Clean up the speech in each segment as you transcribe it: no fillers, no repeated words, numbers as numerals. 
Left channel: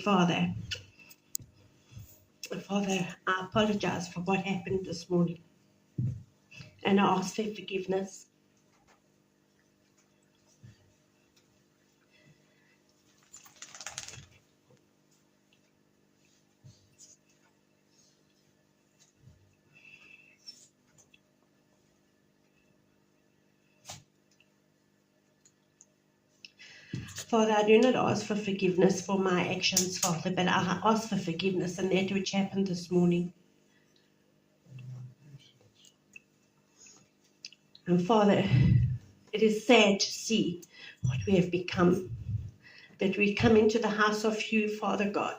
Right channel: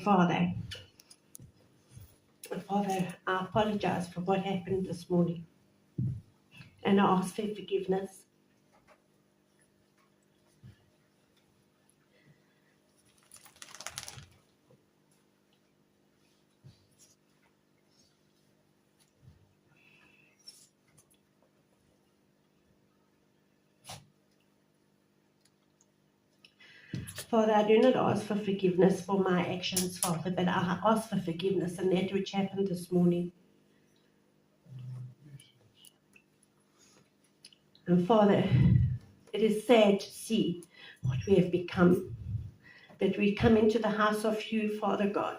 Father. Father, I apologize for what happened this morning, and I ask for forgiveness. Father, I do not ask for forgiveness for my actions, Father, but I ask for forgiveness in that which happened this morning. And Father, it is sad to see what we have become, that we come into the house of you, Father God,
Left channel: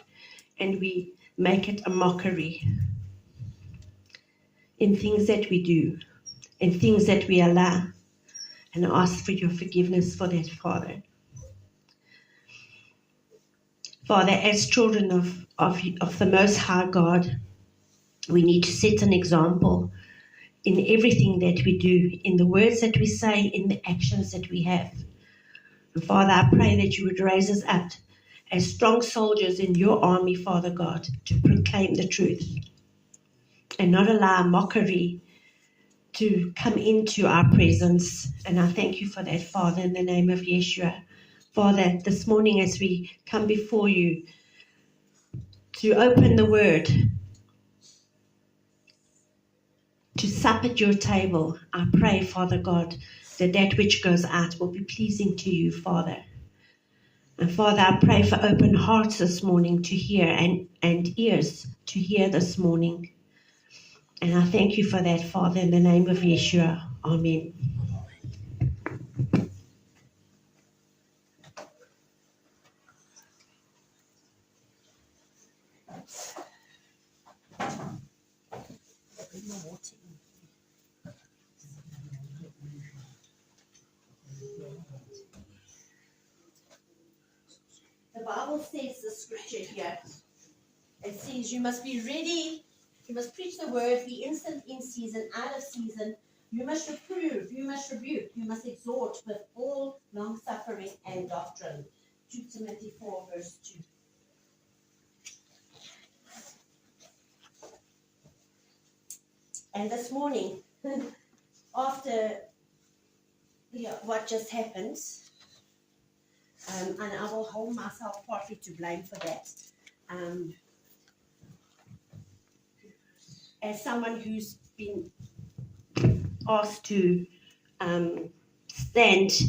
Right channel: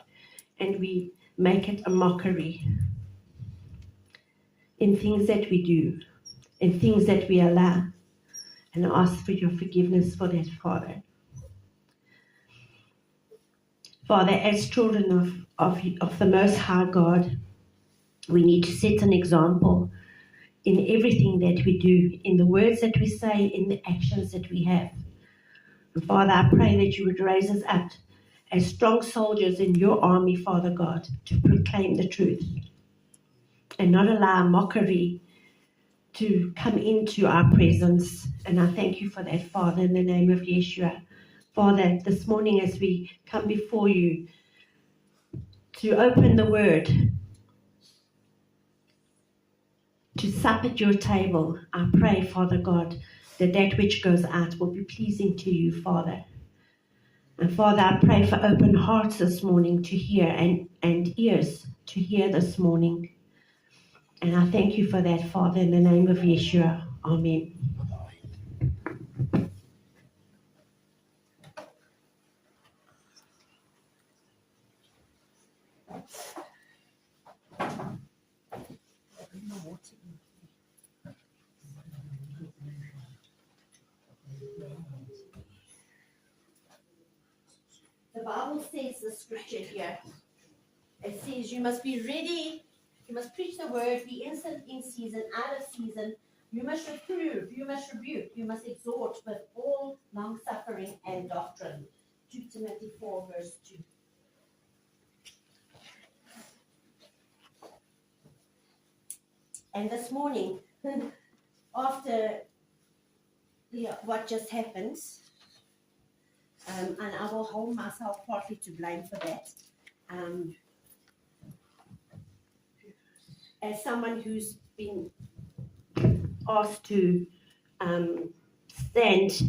and we make it a mockery in things that we do, in things that we allow. And I ask for your forgiveness for that, Father. Father, as children of the Most High God, we need to set an example in everything that we do, in the words that we say, in the actions that we have. And Father, I pray that you would raise us up as strong soldiers in your army, Father God, to proclaim the truth and not allow mockery to come into our presence. And I thank you for that, Father, in the name of Yeshua. Father, this morning as we come before you to open the word, to sup at your table, I pray, Father God, that that which goes out will be pleasing to you, Father. And Father, I pray for open hearts this morning to hear and ears to hear this morning. And I thank you for that, Father, in the name of Yeshua. Amen. The Bible says the scripture here. It says you must be ready, you must preach the word, be instant in season, out of season. You must reprove, you must rebuke, you must exhort with all long suffering and doctrine. 2 Timothy 4 verse 2. And this morning, after what just happened, and I will hold myself partly to blame for that. As someone who's been asked to stand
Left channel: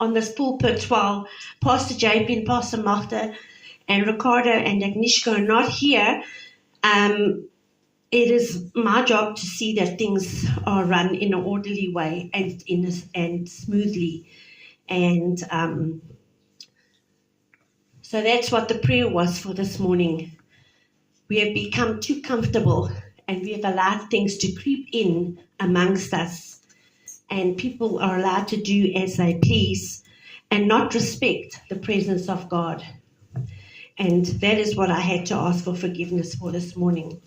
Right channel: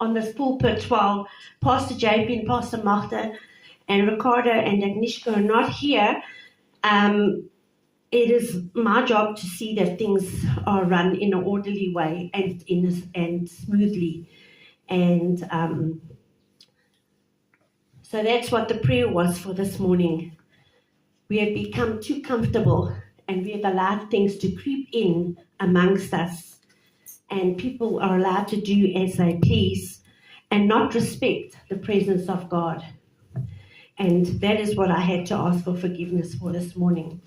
on this pulpit while Pastor JP and Pastor Martha and Ricardo and Agnieszka are not here, it is my job to see that things are run in an orderly way and smoothly. And so that's what the prayer was for this morning. We have become too comfortable and we have allowed things to creep in amongst us. And people are allowed to do as they please and not respect the presence of God. And that is what I had to ask for forgiveness for this morning.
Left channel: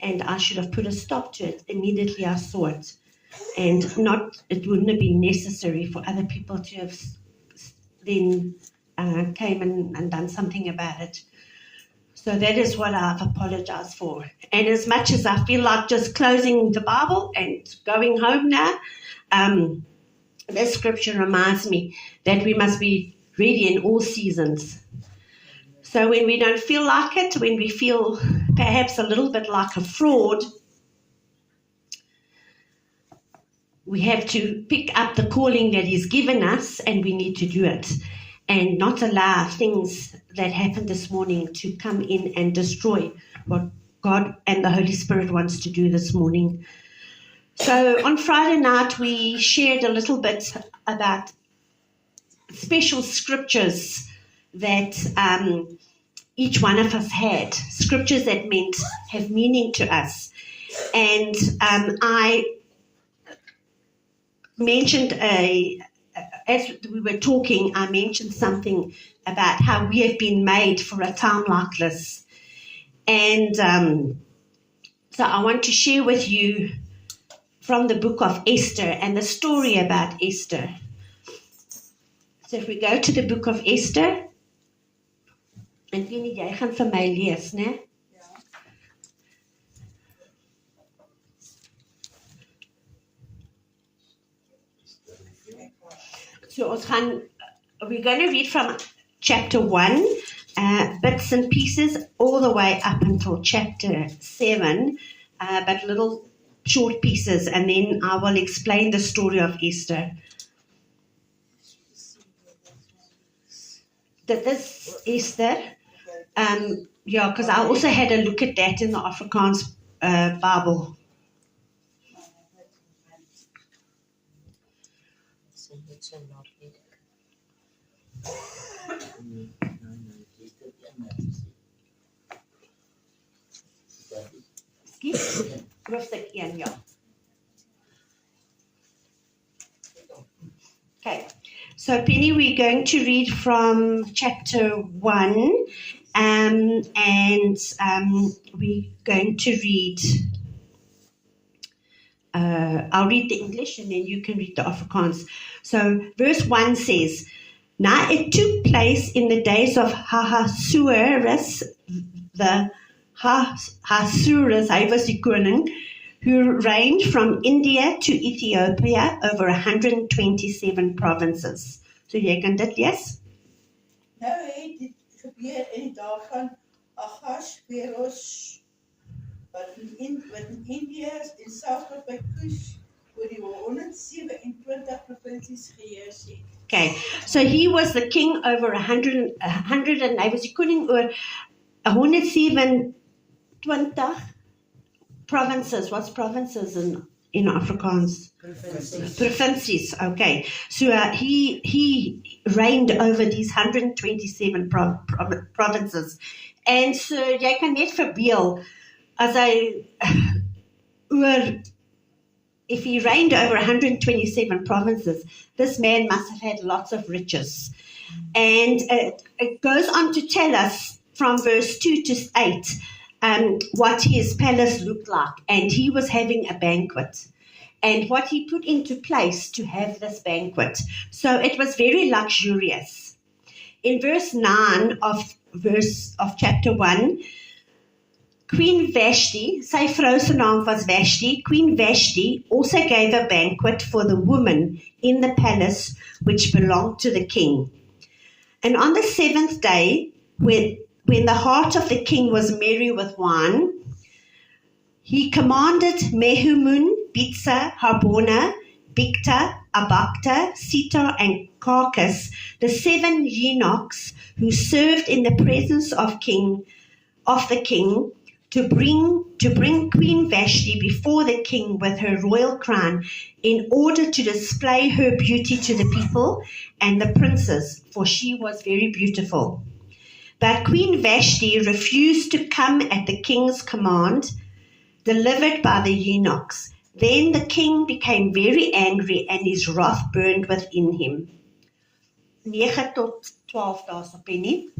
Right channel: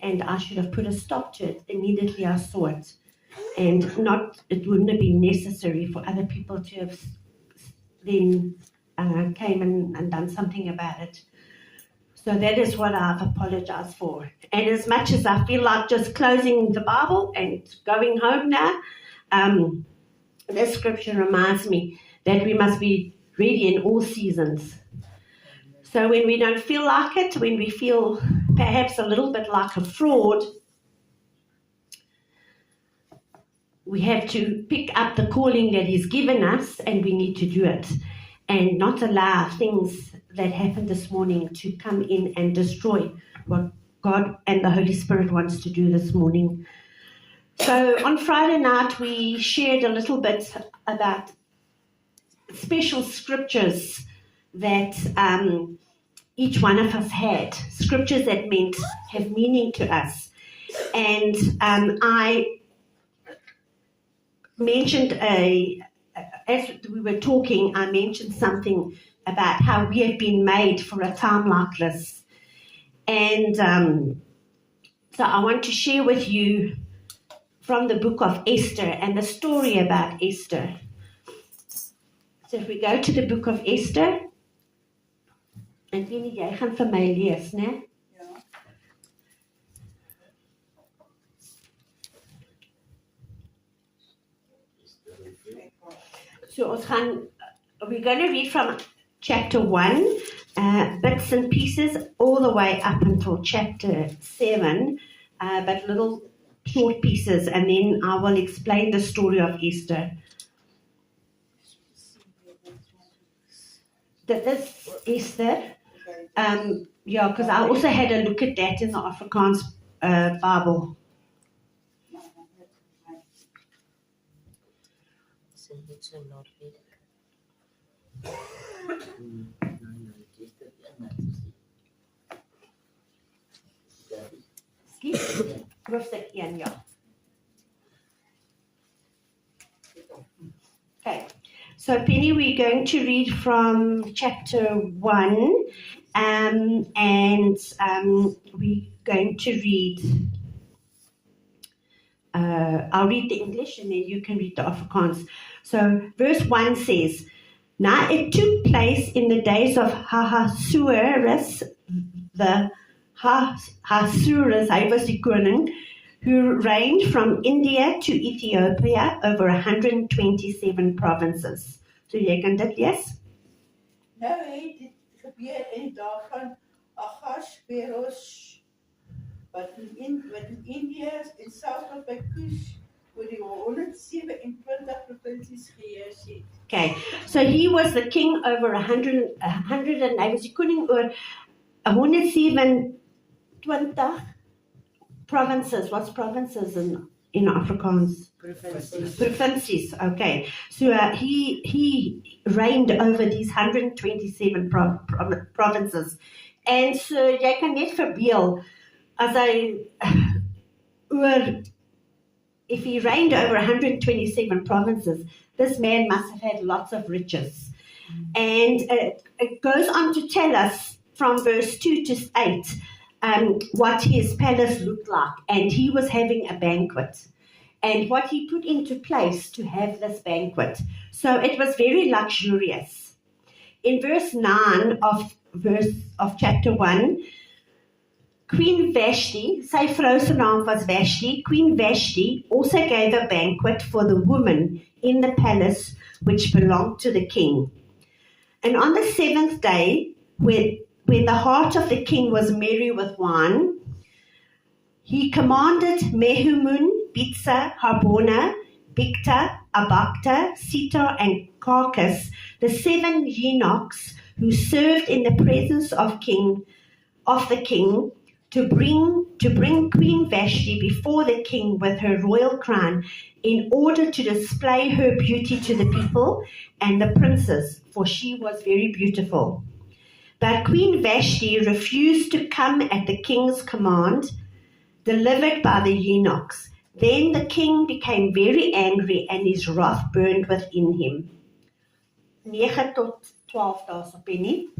And I should have put a stop to it immediately I saw it. And it wouldn't have been necessary for other people to have then came and done something about it. So that is what I've apologized for. And as much as I feel like just closing the Bible and going home now, this scripture reminds me that we must be ready in all seasons. So when we don't feel like it, when we feel perhaps a little bit like a fraud, we have to pick up the calling that He's given us, and we need to do it and not allow things that happened this morning to come in and destroy what God and the Holy Spirit wants to do this morning. So on Friday night, we shared a little bit about special scriptures that each one of us had, scriptures that have meaning to us. And I mentioned as we were talking, I mentioned something about how we have been made for a time like this. And so I want to share with you from the book of Esther and the story about Esther. So if we go to the book of Esther, En Penny, jy gaan vir my lees, né? Ja. So we're going to read from chapter 1, bits and pieces, all the way up until chapter 7, but little short pieces, and then I will explain the story of Esther. That is Esther. Yeah, because I also had a look at that in the Afrikaans Bible. Hoofstuk 1, ja. Okay, so Penny, we're going to read from chapter 1, and we're going to read, I'll read the English and then you can read the Afrikaans. So verse 1 says, Now it took place in the days of Ahasuerus, the Ahasuerus, hy was die koning, who reigned from India to Ethiopia over 127 provinces. So jy kan dit lees? Nou het dit gebeur in die dae van Ahasveros, wat in India en Suid by Kush oor die 127 provinsies geheers het. Okay, so he was the king over 100 and hy was die koning oor 127 provinces. What's provinces in Afrikaans? Provinces. Okay. So he reigned over these 127 provinces. And so jy kan net verbeel as if he reigned over 127 provinces, this man must have had lots of riches. And it goes on to tell us from verse 2 to 8 what his palace looked like. And he was having a banquet. And what he put into place to have this banquet. So it was very luxurious. In verse 9 of chapter 1, Queen Vashti, sy vrou se naam was Vashti, Queen Vashti also gave a banquet for the women in the palace which belonged to the king. And on the 7th day, when the heart of the king was merry with wine, he commanded Mehumun, Bitsa, Harbona, Bigta, Abagta, Sitar, and Carcass, the 7 eunuchs who served in the presence of the king, to bring Queen Vashti before the king with her royal crown, in order to display her beauty to the people and the princes, for she was very beautiful. But Queen Vashti refused to come at the king's command, delivered by the eunuchs. Then the king became very angry, and his wrath burned within him. 9 tot 12 dae op Penny.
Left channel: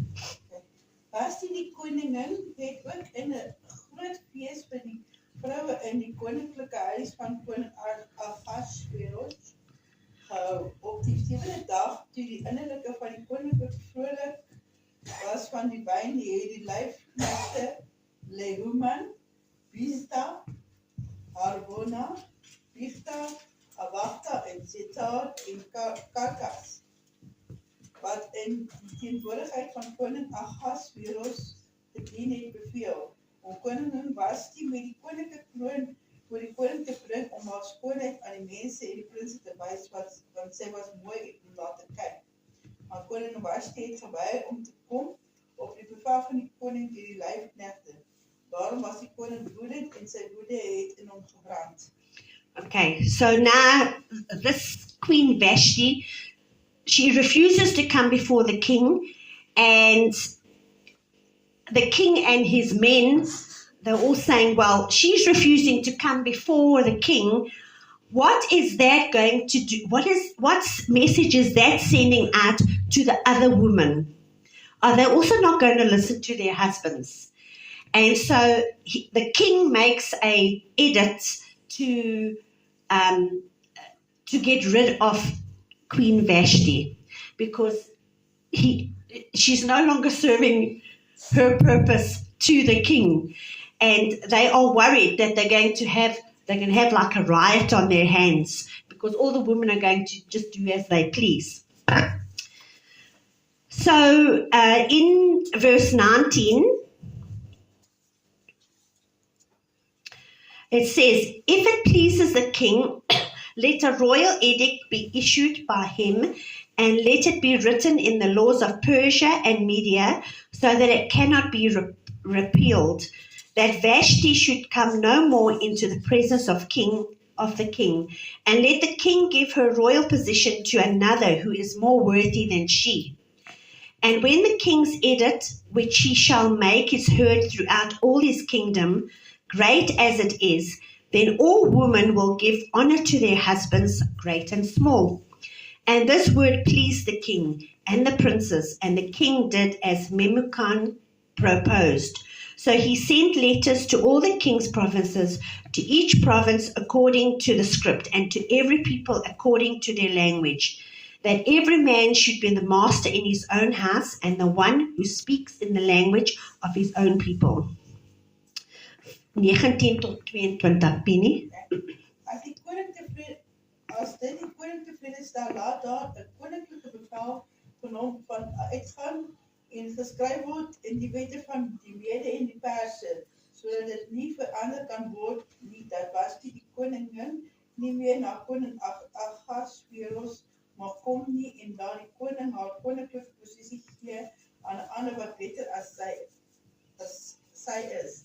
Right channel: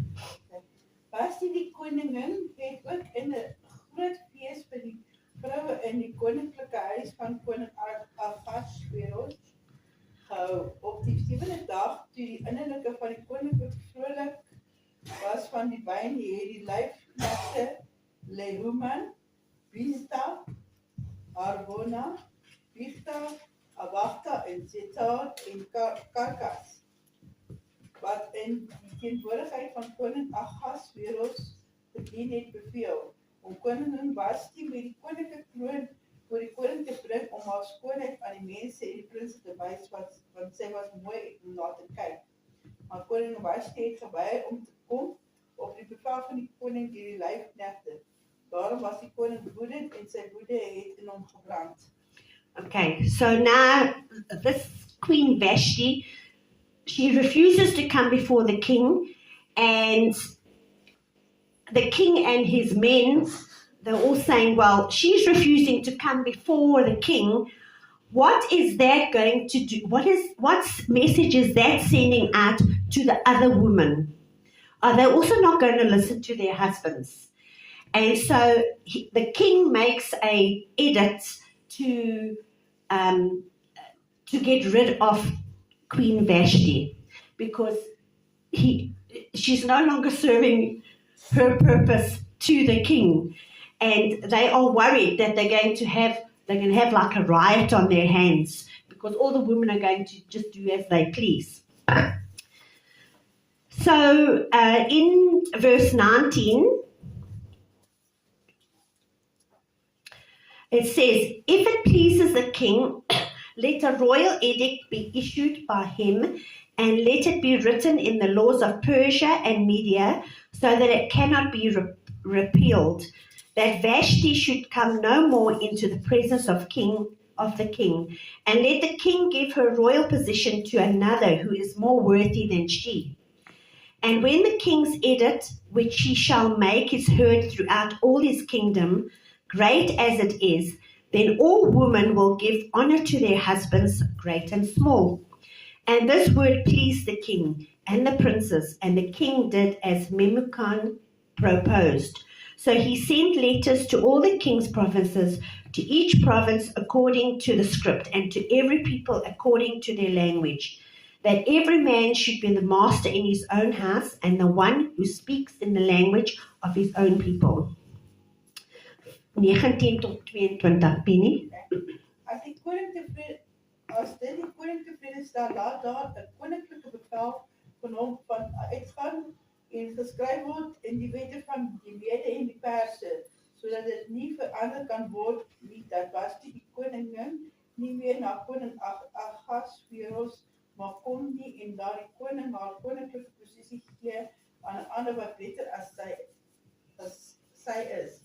Vashti die koningin het ook in 'n groot fees vir die vroue in die koninklike huis van koning Ahasveros gehou. Op die 7de dag, toe die innerlike van die koninklik vrolik was van die wyn, het die lyfknegte Mehuman, Bizta, Harbona, Bigta, Abagta en Sitar en Carcass, wat in die teenwoordigheid van koning Ahasveros gedien het, beveel om koningin Vashti met die koninklike kroon voor die koning te bring, om haar skoonheid aan die mense en die prinse te wys, want sy was mooi om na te kyk. Maar koning Vashti het geweier om te kom op die bevel van die koning deur die lyfknegte. Daarom was die koning woedend en sy woede het in hom gebrand. Okay, so now this Queen Vashti, she refuses to come before the king, and the king and his men, they're all saying, well, she's refusing to come before the king. What is that going to do? What message is that sending out to the other women? Are they also not going to listen to their husbands? And so the king makes an edict to get rid of Queen Vashti, because she's no longer serving her purpose to the king, and they are worried that they're going to have like a riot on their hands because all the women are going to just do as they please. So in verse 19, it says, if it pleases the king, let a royal edict be issued by him, and let it be written in the laws of Persia and Media, so that it cannot be repealed, that Vashti should come no more into the presence of the king, and let the king give her royal position to another who is more worthy than she. And when the king's edict, which he shall make, is heard throughout all his kingdom, great as it is, then all women will give honor to their husbands, great and small. And this word pleased the king and the princes, and the king did as Memucan proposed. So he sent letters to all the king's provinces, to each province according to the script, and to every people according to their language, that every man should be the master in his own house, and the one who speaks in the language of his own people. 19 tot 22, Penny. As dit die koning tevrede stel, laat daar 'n koninklike bevel van hom van uitgaan en geskryf word in die wette van die Mede en die Perse, sodat dit nie verander kan word nie, dat Vashti die koningin nie meer na koning Ahasveros mag kom nie, en daar die koning haar koninklike posisie gee aan 'n ander wat beter as sy is.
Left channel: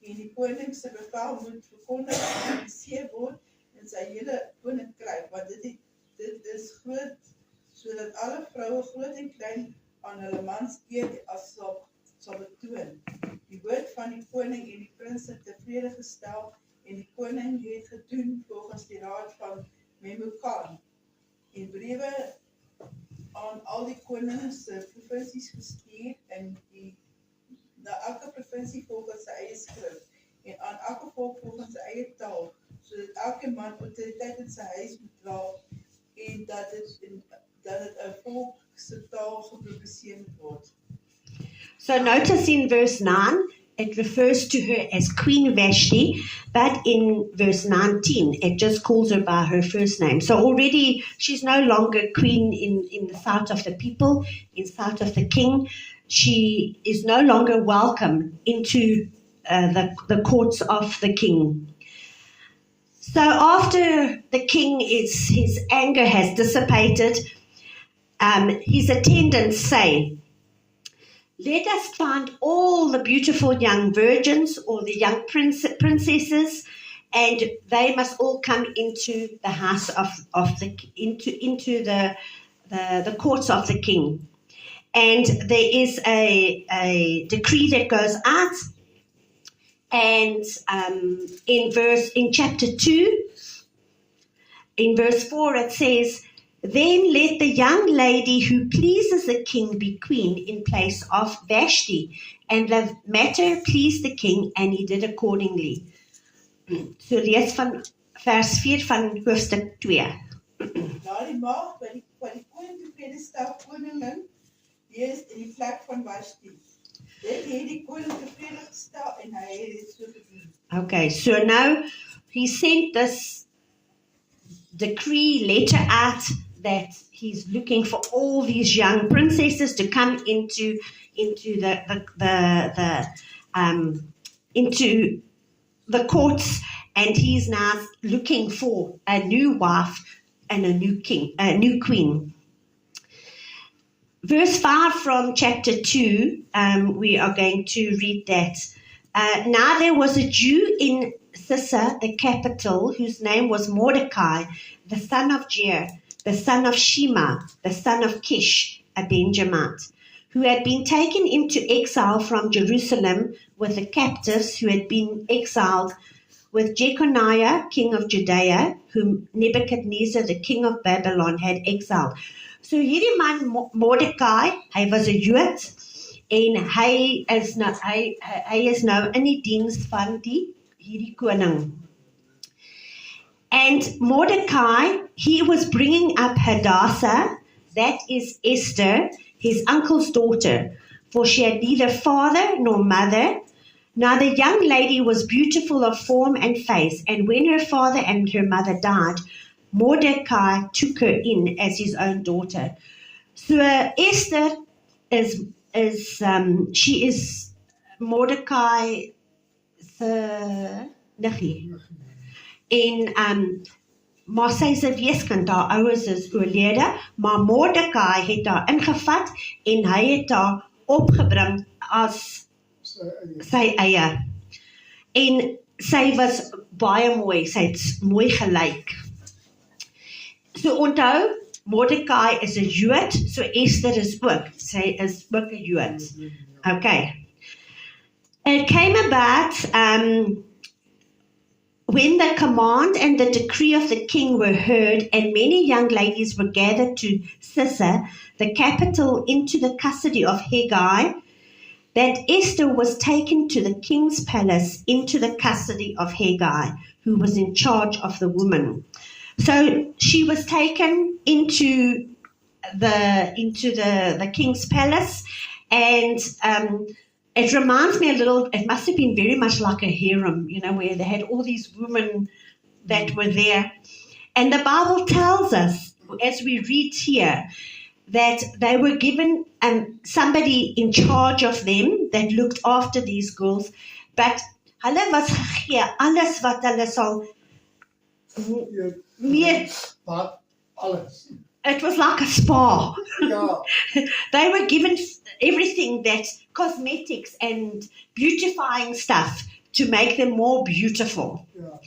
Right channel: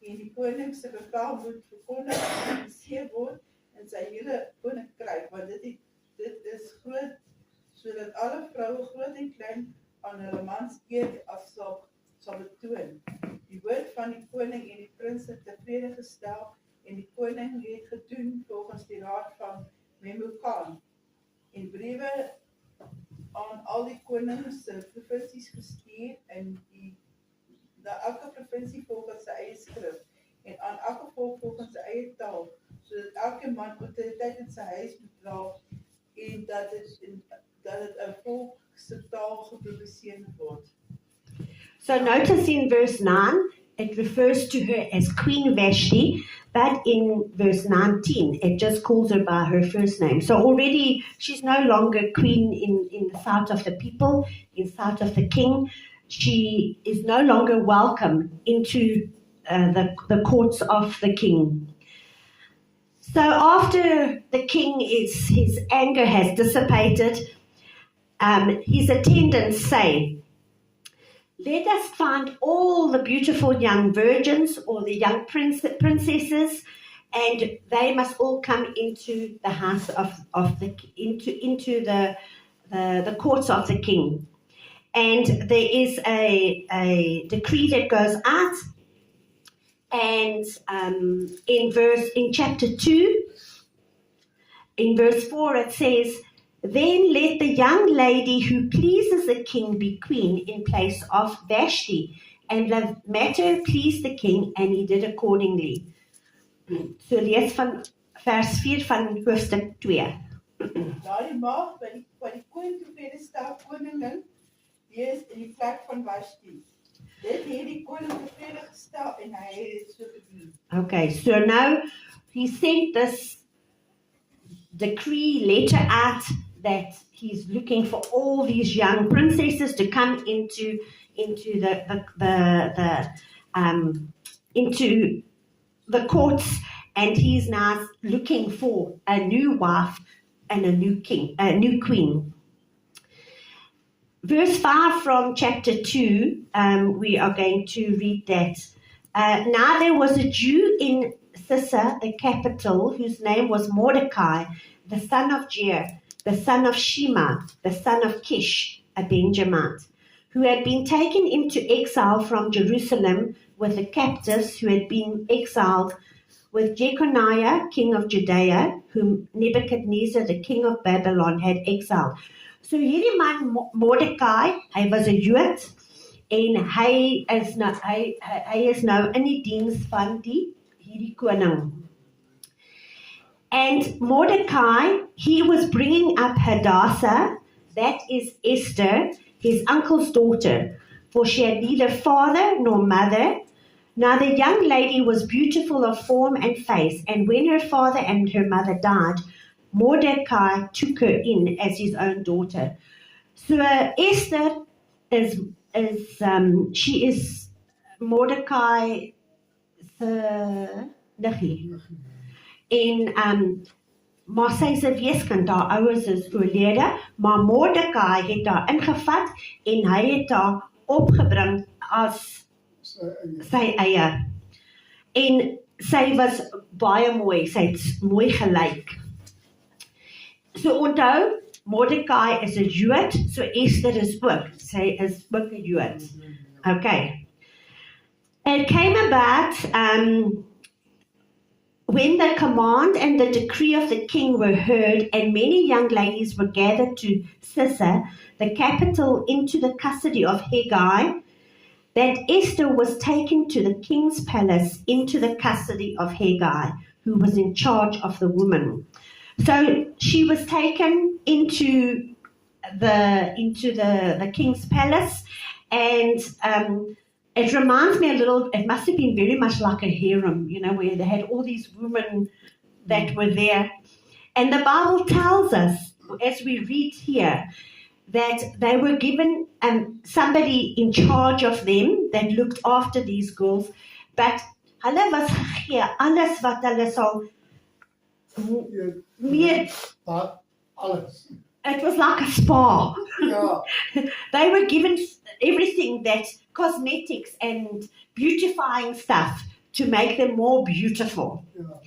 En die koning se bevel moet verkondig en gepubliseer word in sy hele koninkryk, want dit is groot, sodat alle vroue groot en klein aan hulle mans eer as sal betoon. Die woord van die koning en die prins het tevrede gestel, en die koning het gedoen volgens die raad van Memucan, en briewe aan al die konings se provinsies gestuur, en na elke provinsie volgens sy eie skrif, en aan elke volk volgens sy eie taal, sodat elke man autoriteit in sy huis moet dra, en dat dit 'n volk se taal gepubliseer moet word. So notice in verse 9, it refers to her as Queen Vashti, but in verse 19, it just calls her by her first name. So already she's no longer queen in the sight of the people, in the sight of the king. She is no longer welcome into the courts of the king. So after the king his anger has dissipated, his attendants say, let us find all the beautiful young virgins or the young princesses, and they must all come into the house into the courts of the king. And there is a decree that goes out, and in chapter 2, in verse 4, it says, then let the young lady who pleases the king be queen in place of Vashti. And the matter pleased the king, and he did accordingly. So lees van vers 4 van hoofstuk 2. Daardie maagd wat die koning tevrede stel, koningin, wees in die plek van Vashti. Dit het die koning tevrede gestel, en hy het so gedoen. Okay, so now he sent this decree letter out that he's looking for all these young princesses to come into the courts, and he's now looking for a new wife and a new queen. Verse 5 from chapter 2, we are going to read that. Now there was a Jew in Susa, the capital, whose name was Mordecai, the son of Jair, the son of Shema, the son of Kish, a Benjamite, who had been taken into exile from Jerusalem with the captives who had been exiled with Jeconiah, king of Judea, whom Nebuchadnezzar, the king of Babylon, had exiled. So hierdie man Mordecai, hy was 'n Jood, en hy is nou in die diens van hierdie koning. And Mordecai, he was bringing up Hadassah, that is Esther, his uncle's daughter, for she had neither father nor mother. Now the young lady was beautiful of form and face, and when her father and her mother died, Mordecai took her in as his own daughter. So Esther she is Mordecai se niggie. En maar sy is 'n weeskind, haar ouers is oorlede, maar Mordecai het haar ingevat en hy het haar opgebring as sy eie. En sy was baie mooi, sy het mooi gelyk. So onthou, Mordecai is 'n Jood, so Esther is ook. Sy is ook 'n Jood. Okay. It came about when the command and the decree of the king were heard, and many young ladies were gathered to Susa, the capital, into the custody of Hegai, that Esther was taken to the king's palace into the custody of Hegai, who was in charge of the women. So she was taken into the king's palace, and it reminds me a little, it must have been very much like a harem, where they had all these women that were there. And the Bible tells us, as we read here, that they were given somebody in charge of them that looked after these girls, but hulle was gegee alles wat hulle sal meer. Alles. It was like a spa. Ja. They were given everything, that cosmetics and beautifying stuff to make them more beautiful. Ja.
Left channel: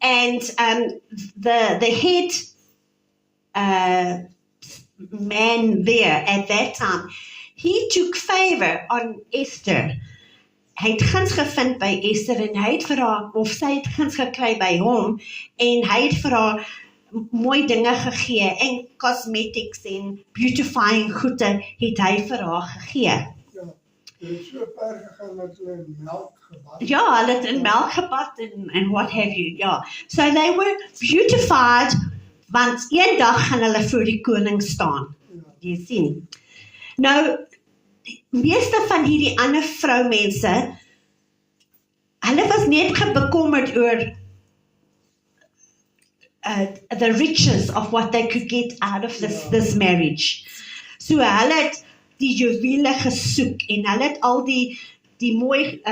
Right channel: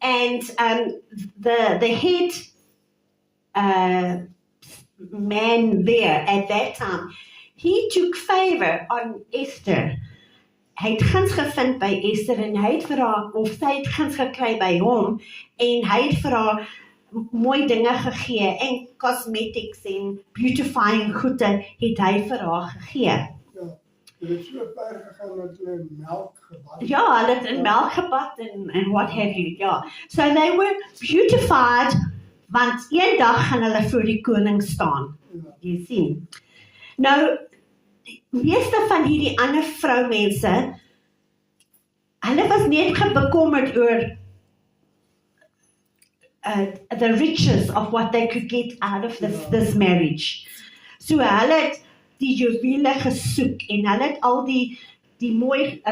And the head man there at that time, he took favor on Esther. Hy het guns gevind by Esther en hy het vir haar, of sy het guns gekry by hom, en hy het vir haar mooi dinge gegee, en cosmetics en beautifying goede het hy vir haar gegee. Ja. Hulle het so ver gegaan dat hulle melk gebad. Ja, hulle het in melk gebad en what have you, ja. So they were beautified, want een dag gaan hulle voor die koning staan. Ja. Jy sien. Nou, die meeste van hierdie ander vroumense, hulle was net bekommerd oor the riches of what they could get out of this marriage. So hulle het die juwele gesoek, en hulle het al die mooi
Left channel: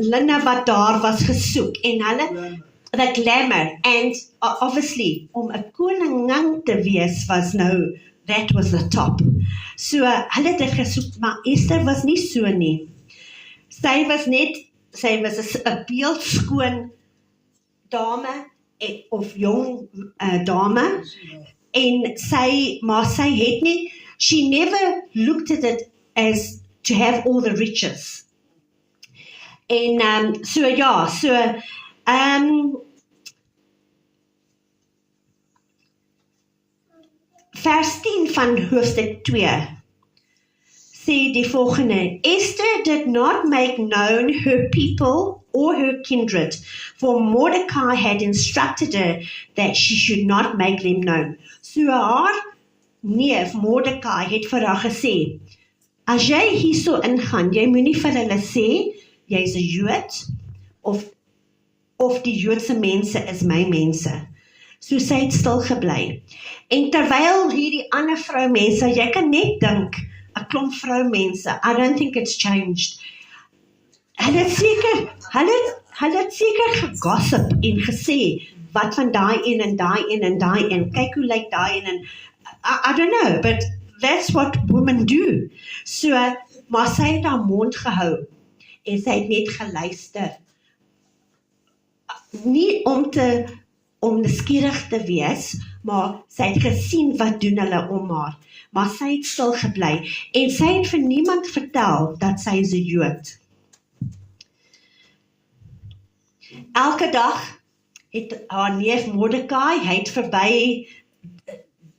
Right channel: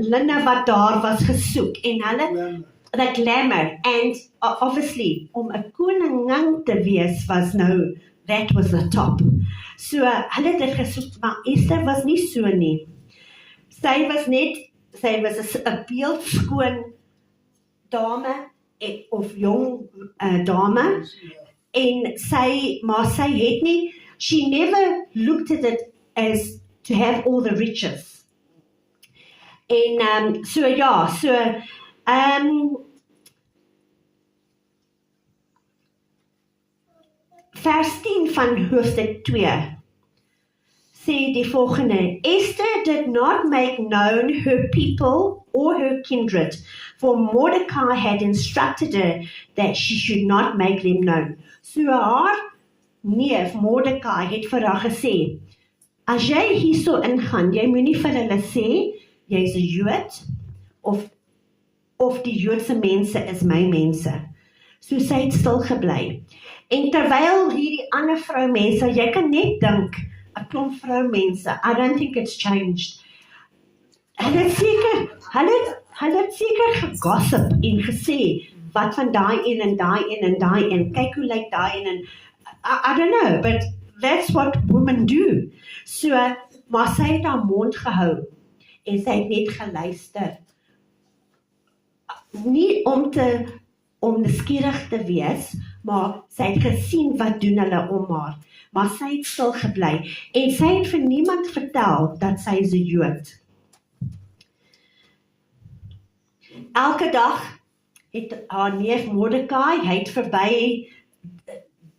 linne wat daar was gesoek, en hulle the glamour, and obviously om 'n koningin te wees was nou, that was the top. So hulle het dit gesoek, maar Esther was nie so nie. Sy was 'n beeldskoon dame, of jong dame, en maar sy het nie, she never looked at it as to have all the riches. En vers 10 van hoofstuk 2 sê die volgende: Esther did not make known her people or her kindred, for Mordecai had instructed her that she should not make them known. So haar neef Mordecai het vir haar gesê, as jy hierso ingaan, jy moenie vir hulle sê, jy's 'n Jood, of die Joodse mense is my mense. So sy het stil gebly. En terwyl hierdie ander vroumense, jy kan net dink, 'n klomp vroumense, I don't think it's changed. Hulle het seker gegossip en gesê, wat van daai een en daai een en daai een, kyk hoe lyk daai een, en I don't know, but that's what women do. So, maar sy het haar mond gehou, en sy het net geluister. Nie om nuuskierig te wees, maar sy het gesien wat doen hulle om haar. Maar sy het stil gebly, en sy het vir niemand vertel dat sy is 'n Jood. Elke dag het haar neef Mordecai, hy het verby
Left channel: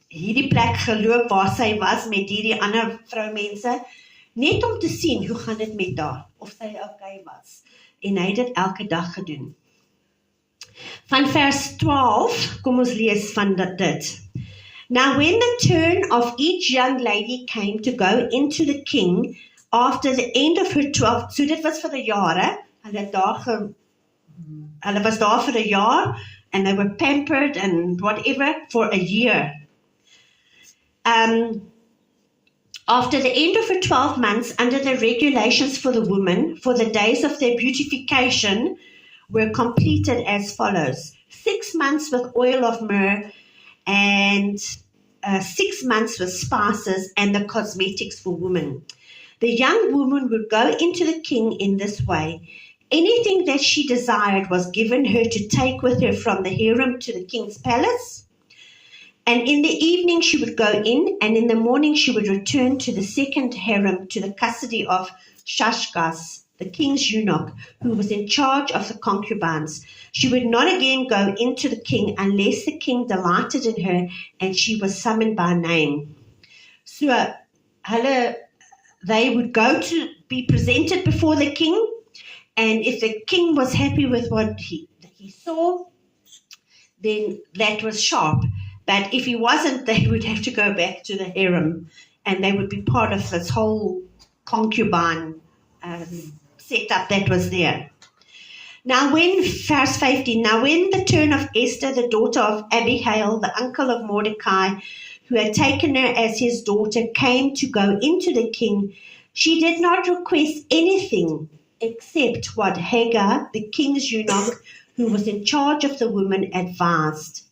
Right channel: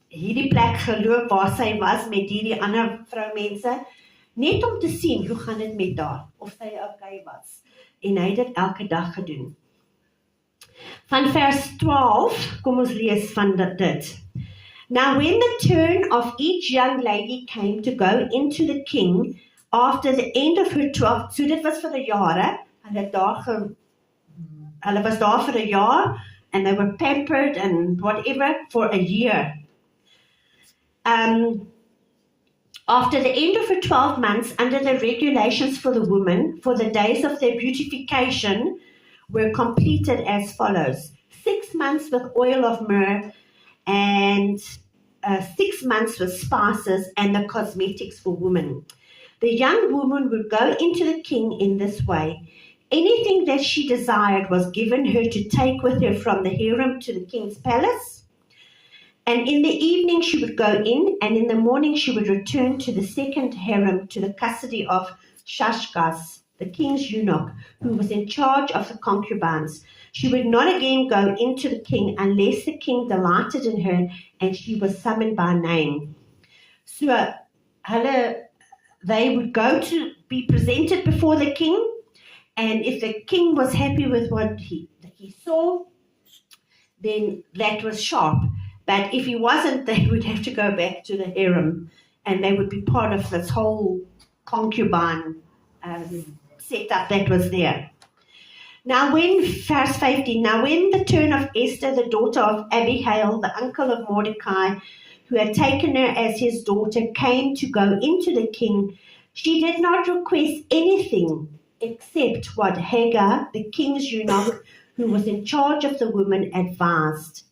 hierdie plek geloop waar sy was met hierdie ander vroumense, net om te sien hoe gaan dit met haar, of sy okay was. En hy het dit elke dag gedoen. Van vers 12, kom ons lees van dit. Now when the turn of each young lady came to go into the king, after the end of her 12, so dit was vir 'n jare, hulle was daar vir 'n jaar, and they were pampered and whatever for a year. After the end of her 12 months, under the regulations for the women, for the days of their beautification were completed as follows: 6 months with oil of myrrh, and 6 months with spices and the cosmetics for women. The young woman would go into the king in this way. Anything that she desired was given her to take with her from the harem to the king's palace. And in the evening she would go in, and in the morning she would return to the second harem to the custody of Shashgaz, the king's eunuch, who was in charge of the concubines. She would not again go into the king unless the king delighted in her and she was summoned by name. So they would go to be presented before the king, and if the king was happy with what he saw, then that was sharp. But if he wasn't, they would have to go back to the harem, and they would be part of this whole concubine setup that was there. Now verse 15, now when the turn of Esther, the daughter of Abihail, the uncle of Mordecai, who had taken her as his daughter, came to go into the king, she did not request anything except what Hagar, the king's eunuch, who was in charge of the women, advised.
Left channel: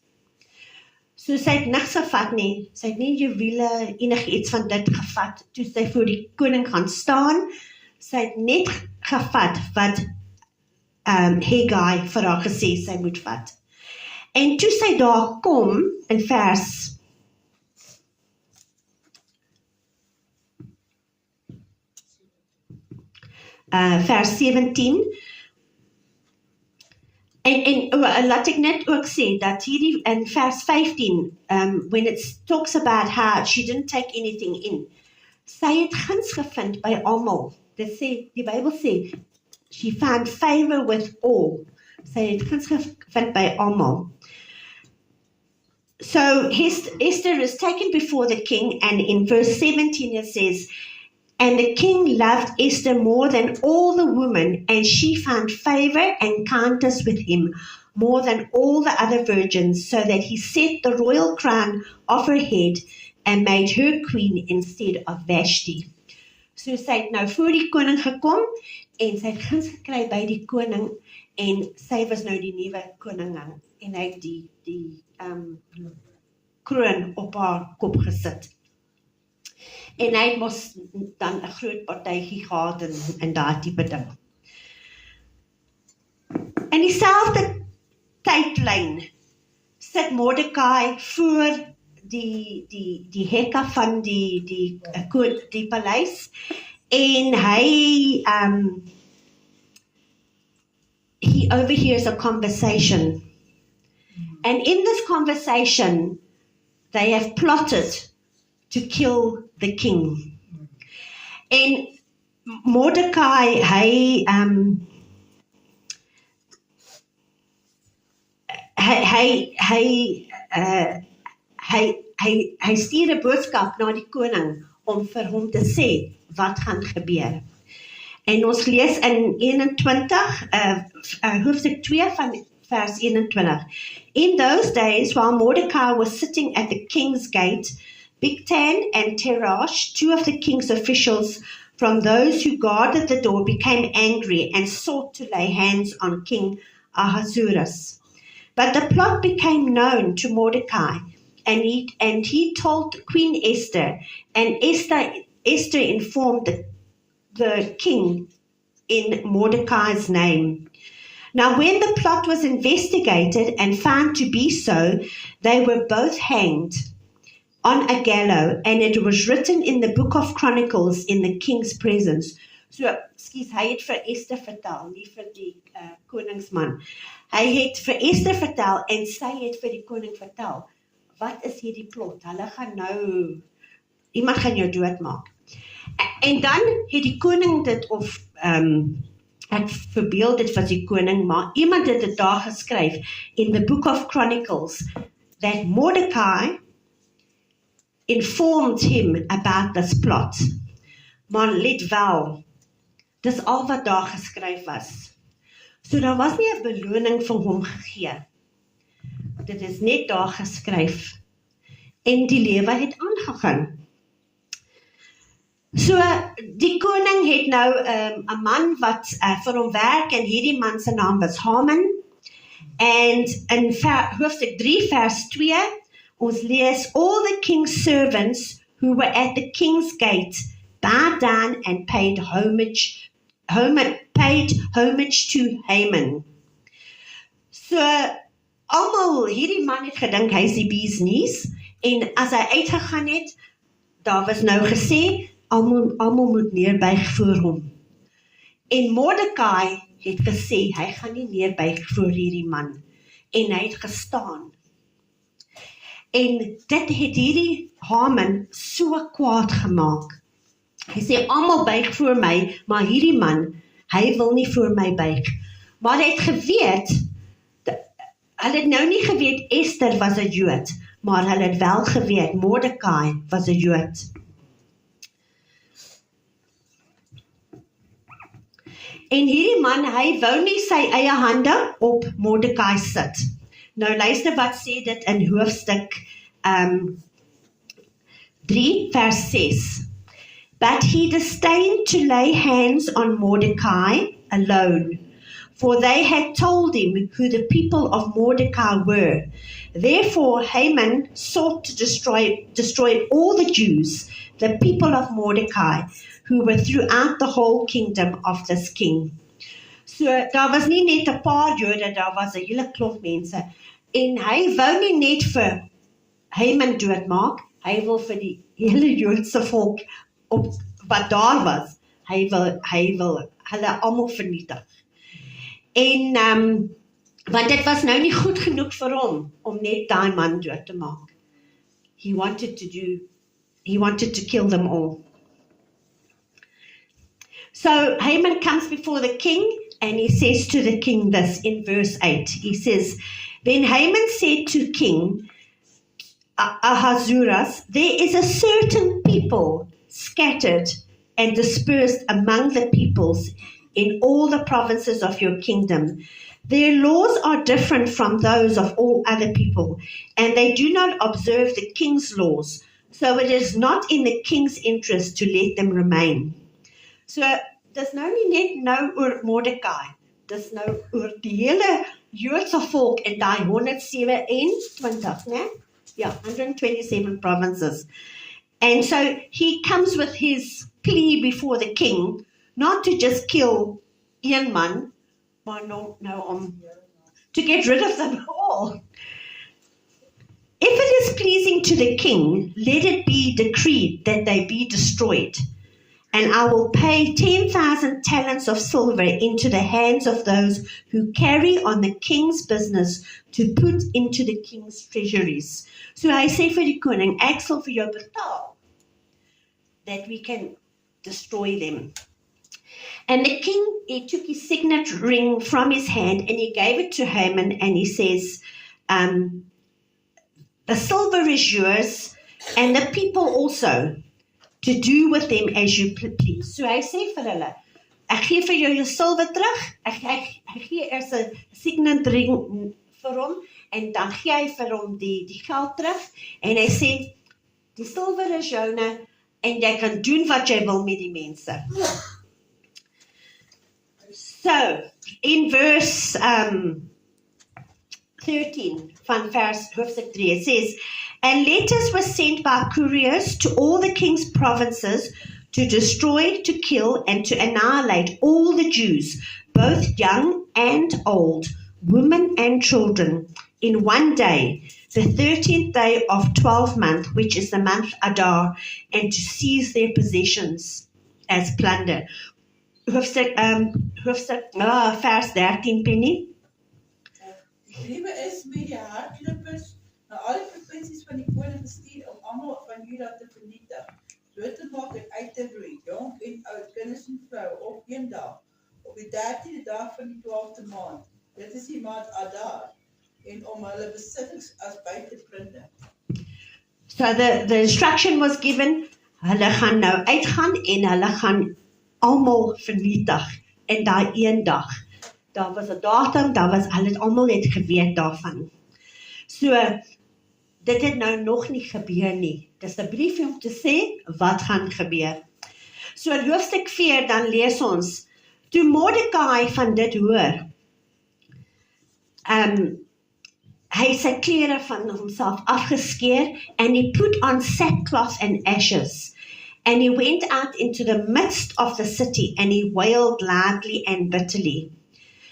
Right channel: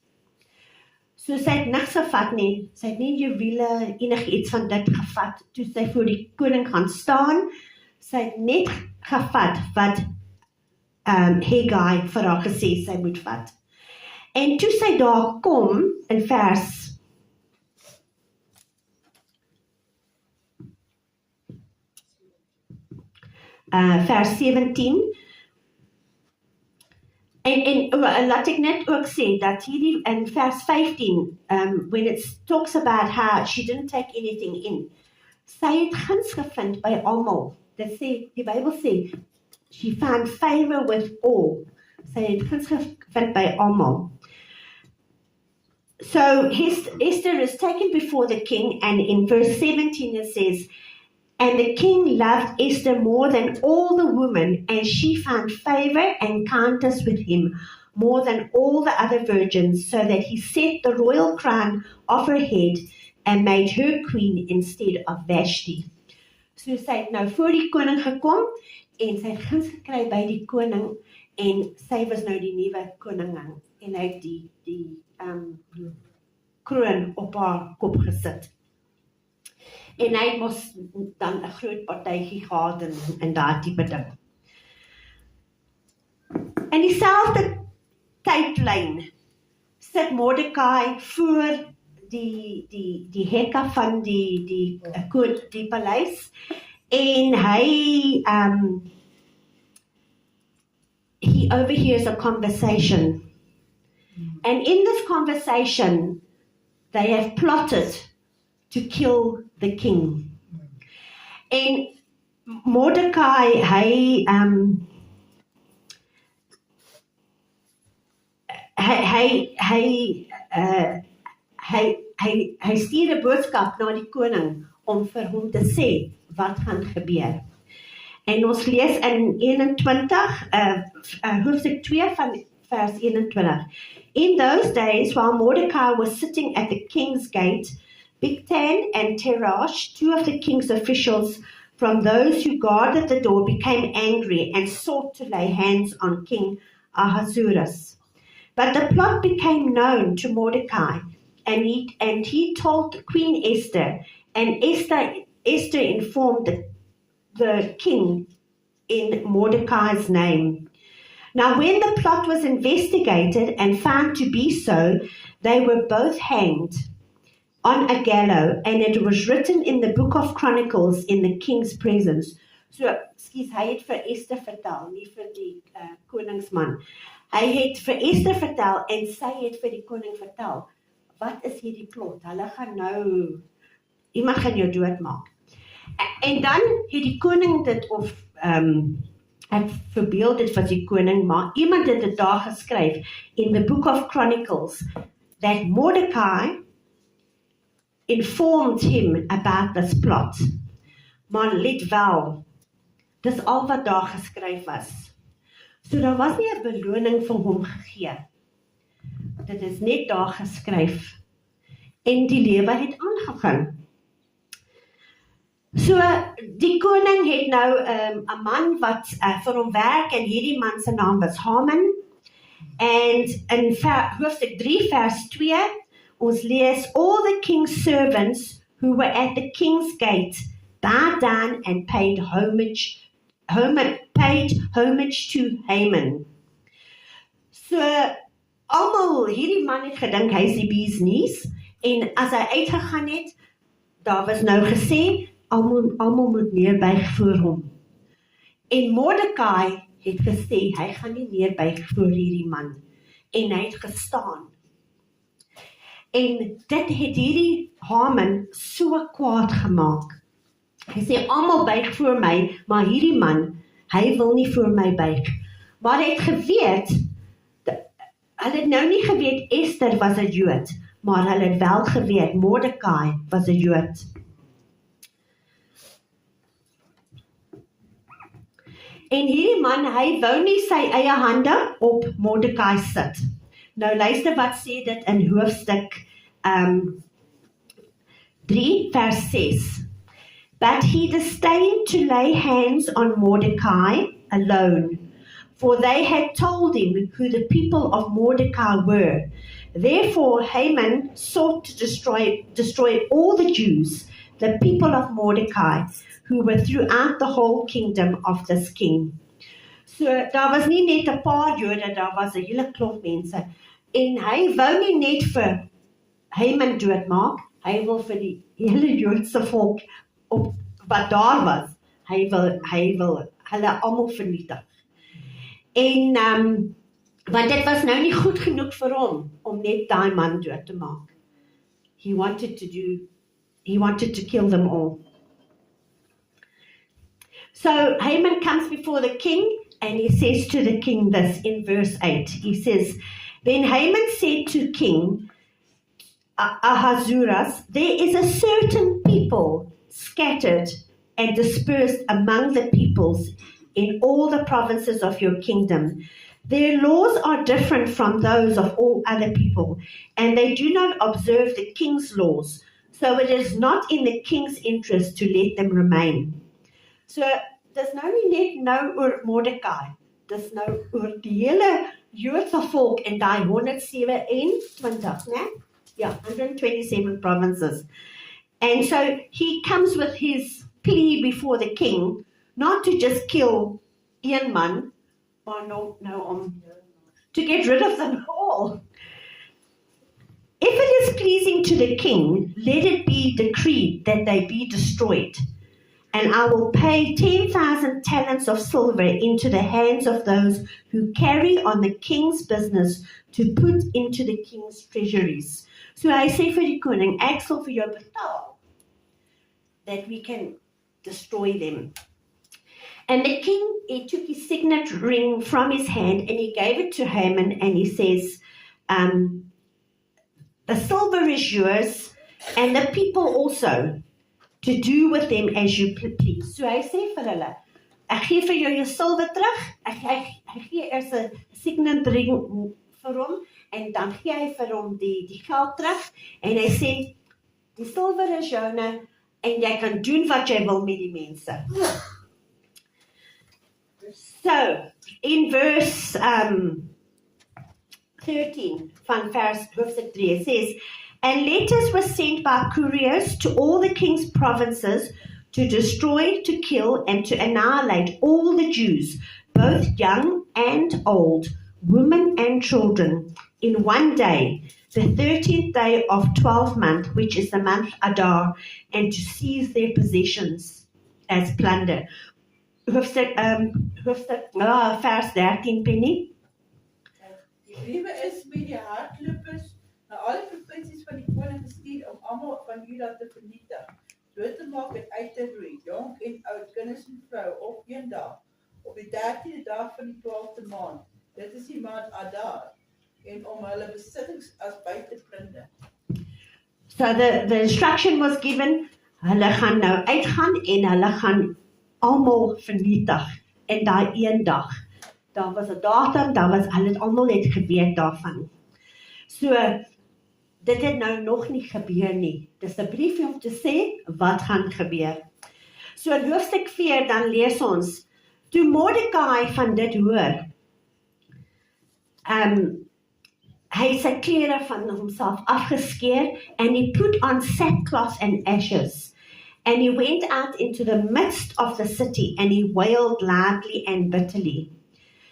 So sy het niks gevat nie, sy het nie juwele enigiets van dit gevat, toe sy voor die koning gaan staan, sy het net gevat wat Hagar vir haar gesê sy moet vat. En toe sy daar kom, in vers 17, en laat ek net ook sê dat hierdie in vers 15, when it talks about how she didn't take anything in, sy het guns gevind by almal. Dit sê, die Bybel sê, she found favor with all. Sy het guns gevind by almal. So Esther is taken before the king, and in verse 17 it says, and the king loved Esther more than all the women, and she found favor and kindness with him more than all the other virgins, so that he set the royal crown off her head and made her queen instead of Vashti. So sy het nou voor die koning gekom, en sy het guns gekry by die koning, en sy was nou die nuwe koningin, en hy het die kroon op haar kop gesit. En hy moes dan 'n groot partytjie gehad en daai tipe ding. In dieselfde tydlyn sit Mordecai voor die hekke van die paleis, en he overhears a conversation. And in this conversation, they have plotted to kill the king. En Mordecai, hy stuur 'n boodskap na die koning om vir hom te sê wat gaan gebeur. En ons lees in 21, hoofstuk 2 van vers 21. In those days, while Mordecai was sitting at the king's gate, Bigtan and Teresh, two of the king's officials from those who guarded the door, became angry and sought to lay hands on King Ahasuerus. But the plot became known to Mordecai, and he told Queen Esther, and Esther informed the king in Mordecai's name. Now when the plot was investigated and found to be so, they were both hanged on a gallows, and it was written in the book of Chronicles in the king's presence. So, hy het vir Esther vertel, nie vir die koningsman. Hy het vir Esther vertel, en sy het vir die koning vertel, wat is hierdie plot? Hulle gaan nou, iemand gaan jou doodmaak. En dan het die koning dit, of ek verbeel dit was die koning, maar iemand het dit daar geskryf, in the book of Chronicles, that Mordecai informed him about this plot. maar let wel, dis al wat daar geskryf was. So daar was nie 'n beloning vir hom gegee. Dit is net daar geskryf. En die lewe het aangegaan. So, die koning het nou 'n man wat vir hom werk, en hierdie man se naam was Haman. En in hoofstuk 3 vers 2, ons lees, all the king's servants who were at the king's gate bowed down and paid homage to Haman. So, almal, hierdie man het gedink hy is die bee's knees, en as hy uitgegaan het, daar was nou gesê, almal moet neerbuig voor hom. En Mordekai het gesê, hy gaan nie neerbuig voor hierdie man. En hy het gestaan. En dit het hierdie Haman so kwaad gemaak. Hy sê, almal buig voor my, maar hierdie man, hy wil nie voor my buig. Maar hy het geweet, hulle het nou nie geweet Esther was 'n Jood, maar hulle het wel geweet Mordekai was 'n Jood. En hierdie man, hy wou nie sy eie hande op Mordekai sit. Nou luister wat sê dit in hoofstuk 3 vers 6. But he disdained to lay hands on Mordecai alone, for they had told him who the people of Mordecai were. Therefore Haman sought to destroy all the Jews, the people of Mordecai, who were throughout the whole kingdom of this king. So, daar was nie net 'n paar Jode, daar was 'n hele klomp mense. En hy wou nie net vir Haman doodmaak, hy wil vir die hele Joodse volk wat daar was, hy wil hulle almal vernietig. En, want dit was nou nie goed genoeg vir hom, om net daai man dood te maak. He wanted to kill them all. So Haman comes before the king, and he says to the king this in verse 8. He says, Then Haman said to King Ahasuerus, There is a certain people scattered and dispersed among the peoples in all the provinces of your kingdom. Their laws are different from those of all other people, and they do not observe the king's laws. So it is not in the king's interest to let them remain. So, dis nou nie net nou oor Mordekai, dis nou oor die hele Joodse volk in daai 127, né? Ja, 127 provinces. And so, he comes with his plea before the king, not to just kill een man, maar to get rid of them all. If it is pleasing to the king, let it be decreed that they be destroyed. And I will pay 10,000 talents of silver into the hands of those who carry on the king's business to put into the king's treasuries. So hy sê vir die koning, ek sal vir jou betaal, that we can destroy them. And the king, he took his signet ring from his hand and he gave it to Haman, and he says, the silver is yours, and the people also, to do with them as you please. So hy sê vir hulle, ek gee vir jou silwer terug, ek gee eers 'n signet ring vir hom, en dan gee hy vir hom die geld terug, en hy sê, die silwer is joune, en jy kan doen wat jy wil met die mense. So, in verse 13 van hoofstuk 3, it says, And letters were sent by couriers to all the king's provinces to destroy, to kill, and to annihilate all the Jews, both young and old, women and children, in one day, the 13th day of 12th month, which is the month Adar, and to seize their possessions as plunder. Hoofstuk vers 13, Penny. Die briewe is met die hardlopers na alle provinsies van die koning gestuur om almal van Juda te vernietig, dood te maak en uit te roei, jong en oud, kinders en vrou, op een dag, op die 13de dag van die 12de maand. Dit is die maand Adar, en om hulle besittings as by te plunderen. So the instruction was given, hulle gaan nou uitgaan en hulle gaan almal vernietig in daai een dag. Daar was 'n datum, hulle het almal net geweet daarvan. So, dit het nou nog nie gebeur nie. Dis 'n briefie om te sê wat gaan gebeur. So in hoofstuk 4 dan lees ons, toe Mordekai van dit hoor, hy het sy klere van homself afgeskeer, and he put on sackcloth and ashes, and he went out into the midst of the city, and he wailed loudly and bitterly.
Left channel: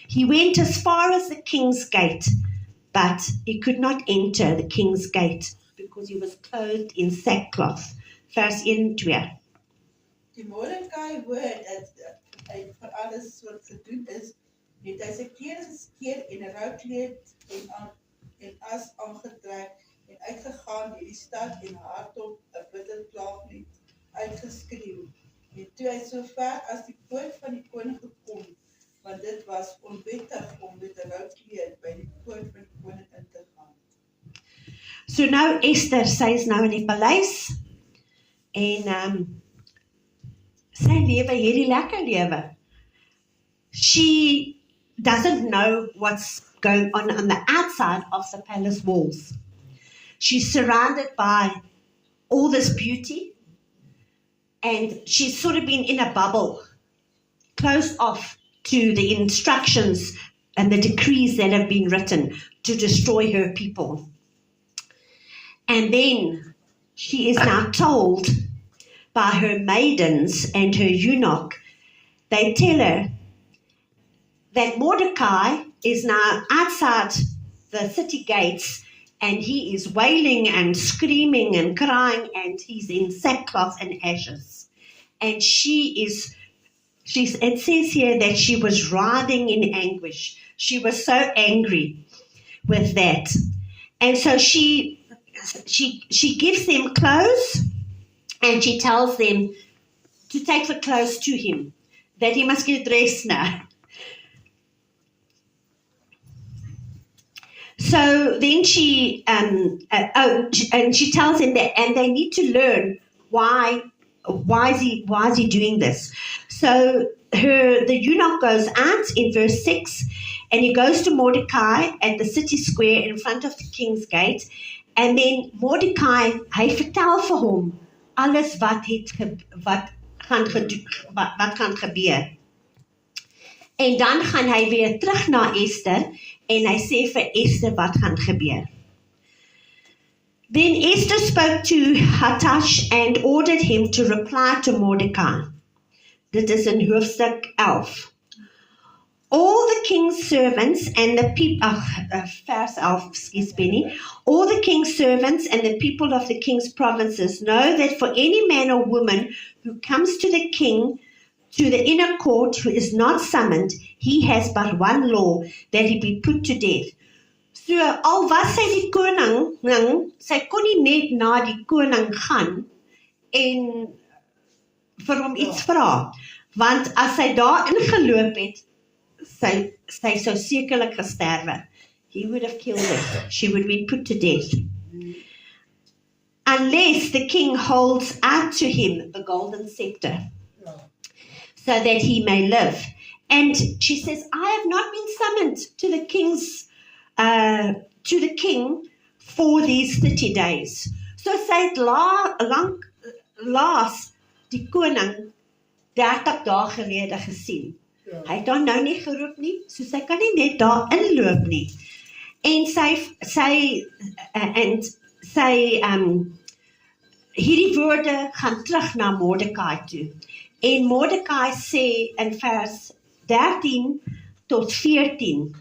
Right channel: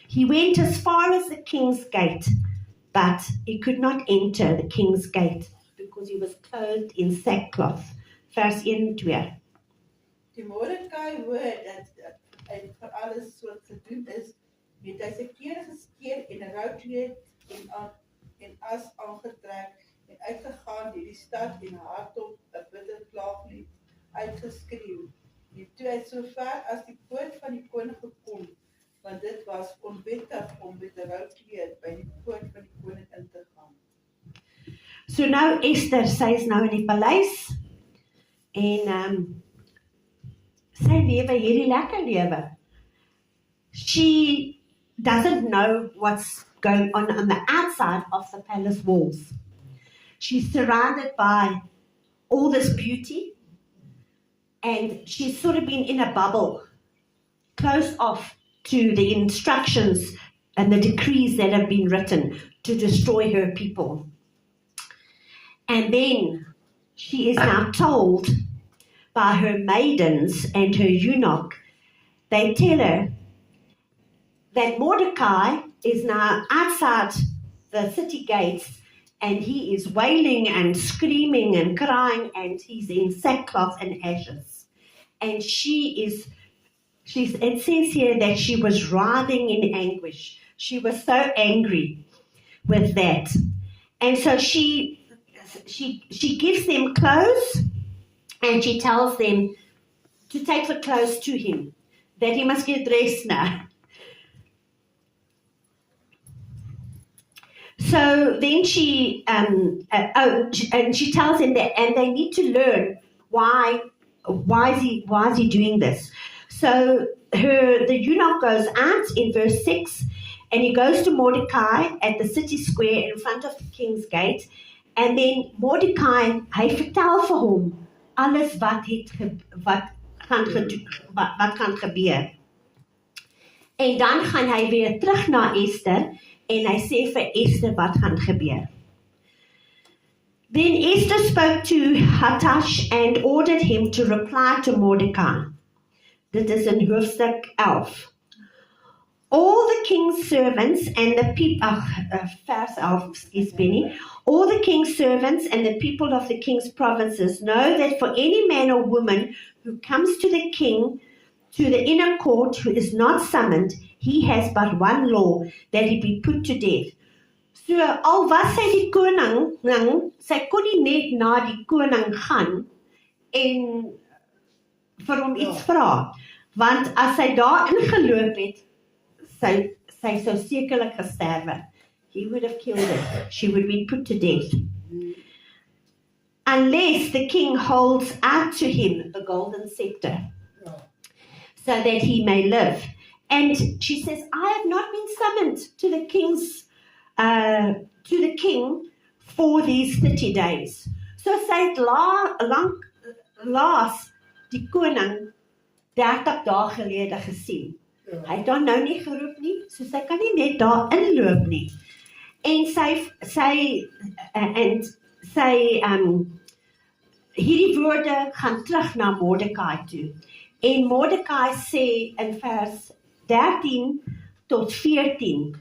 He went as far as the king's gate, but he could not enter the king's gate, because he was clothed in sackcloth. Vers 1-2. Die Mordekai hoor dat hy vir alles soort gedoen is, het hy sy klere geskeer en 'n roukleed en as aangetrek en uitgegaan deur die stad en hardop 'n bitter klaaglied uitgeskreeu. En toe hy so ver as die poort van die koning gekom, want dit was onwettig om met 'n roukleed by die poort van die koning in te gaan. So nou Esther, sy is nou in die paleis, en sy lewe hierdie lekker lewe. She doesn't know what's going on the outside of the palace walls. She's surrounded by all this beauty, and she's sort of been in a bubble, closed off to the instructions and the decrees that have been written to destroy her people. And then she is now told by her maidens and her eunuch, they tell her that Mordecai is now outside the city gates, and he is wailing and screaming and crying, and he's in sackcloth and ashes. And it says here that she was writhing in anguish. She was so angry with that. And so she gives them clothes, and she tells them to take the clothes to him, that he must get dressed now. So then she she tells him that, and they need to learn why is he doing this. So the eunuch goes out in verse 6, and he goes to Mordecai at the city square in front of the king's gate, and then Mordecai, hy vertel vir hom alles wat gaan gebeur. En dan gaan hy weer terug na Esther, en hy sê vir Esther wat gaan gebeur. Then Esther spoke to Hatash and ordered him to reply to Mordecai. Dit is in hoofstuk 11. All the king's servants and the people, vers 11, excuse me, all the king's servants and the people of the king's provinces know that for any man or woman who comes to the king, to the inner court, who is not summoned, he has but one law, that he be put to death. So, al was sy die koning, sy kon nie net na die koning gaan en vir hom iets vra, want as sy daar ingeloop het, sy sou sekerlik gesterwe. He would have killed her. She would be put to death. Unless the king holds out to him the golden scepter, so that he may live. And she says, I have not been summoned to the king for these 30 days. So sy het laas die koning 30 dae gelede gesien. Hy het dan nou nie geroep nie, so sy kan nie net daar inloop nie. En hierdie woorde gaan terug na Mordecai toe. En Mordecai sê in vers 13 tot 14.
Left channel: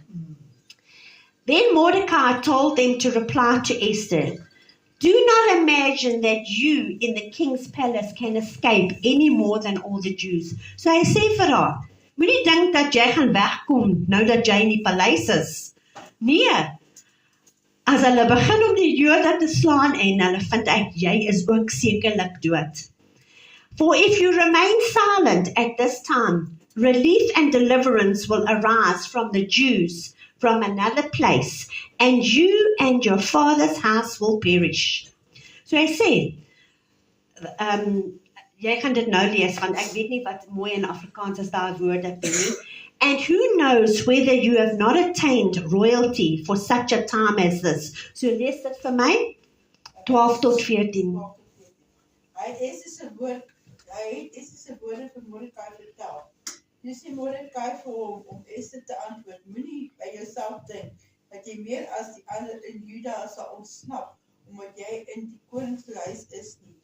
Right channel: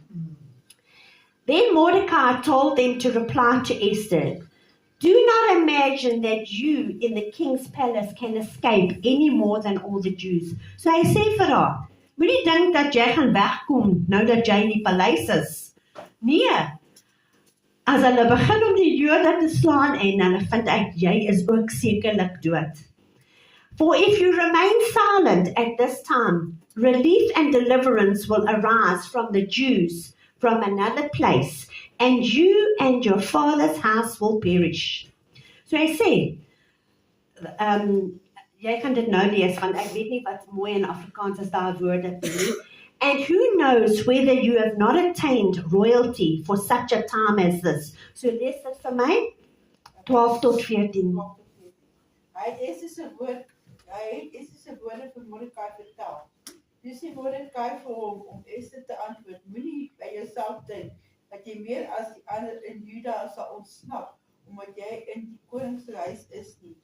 Then Mordecai told them to reply to Esther, do not imagine that you in the king's palace can escape any more than all the Jews. So hy sê vir haar, moenie dink dat jy gaan wegkom nou dat jy in die paleis is. Nee, as hulle begin om die Jode te slaan en hulle vind uit, jy is ook sekerlik dood. For if you remain silent at this time, relief and deliverance will arise from the Jews from another place, and you and your father's house will perish. So hy sê, jy gaan dit nou lees, want ek weet nie wat mooi in Afrikaans is daar woorde nie. And who knows whether you have not attained royalty for such a time as this. So lees dit vir my, 12 tot 14. Hy het Esther se woorde vir Mordekai vertel. Toe sê Mordekai vir hom om Esther te antwoord, moenie by jouself dink dat jy meer as die ander in Juda sal ontsnap, omdat jy in die koningshuis is nie.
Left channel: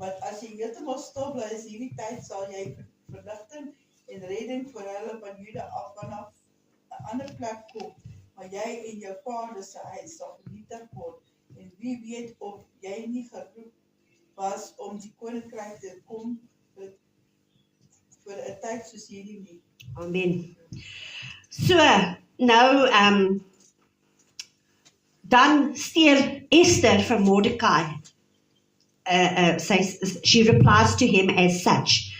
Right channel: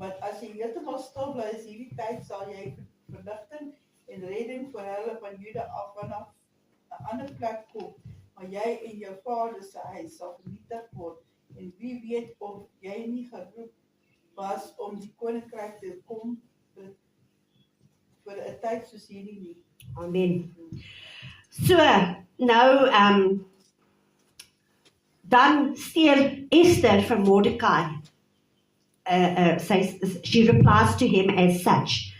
Want as jy heeltemal stil bly is hierdie tyd, sal jy verligting en redding vir hulle van Juda af vanaf 'n ander plek kom, maar jy en jou vader se huis sal vernietig word. En wie weet of jy nie geroep was om die koninkryk te kom vir 'n tyd soos hierdie nie. Amen. So, nou, dan stuur Esther vir Mordekai. She replies to him as such.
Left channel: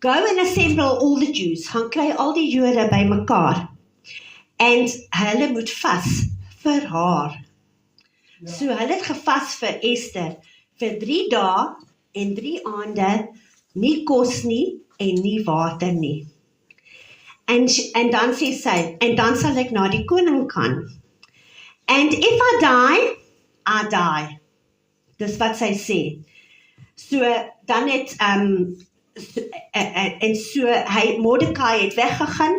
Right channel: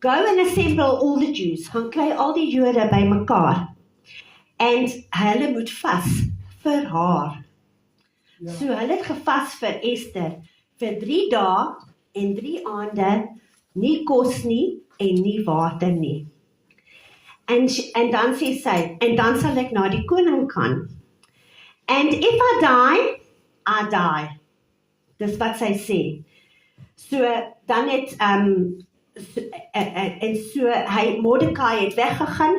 Go and assemble all the Jews, gaan kry al die Jode by mekaar, en hulle moet vas vir haar. Ja. So hulle het gevas vir Esther vir 3 dae en 3 aande, nie kos nie en nie water nie. En dan sê sy, en dan sal ek na die koning gaan. And if I die, I die. Dis wat sy sê. So dan het Mordekai het weggegaan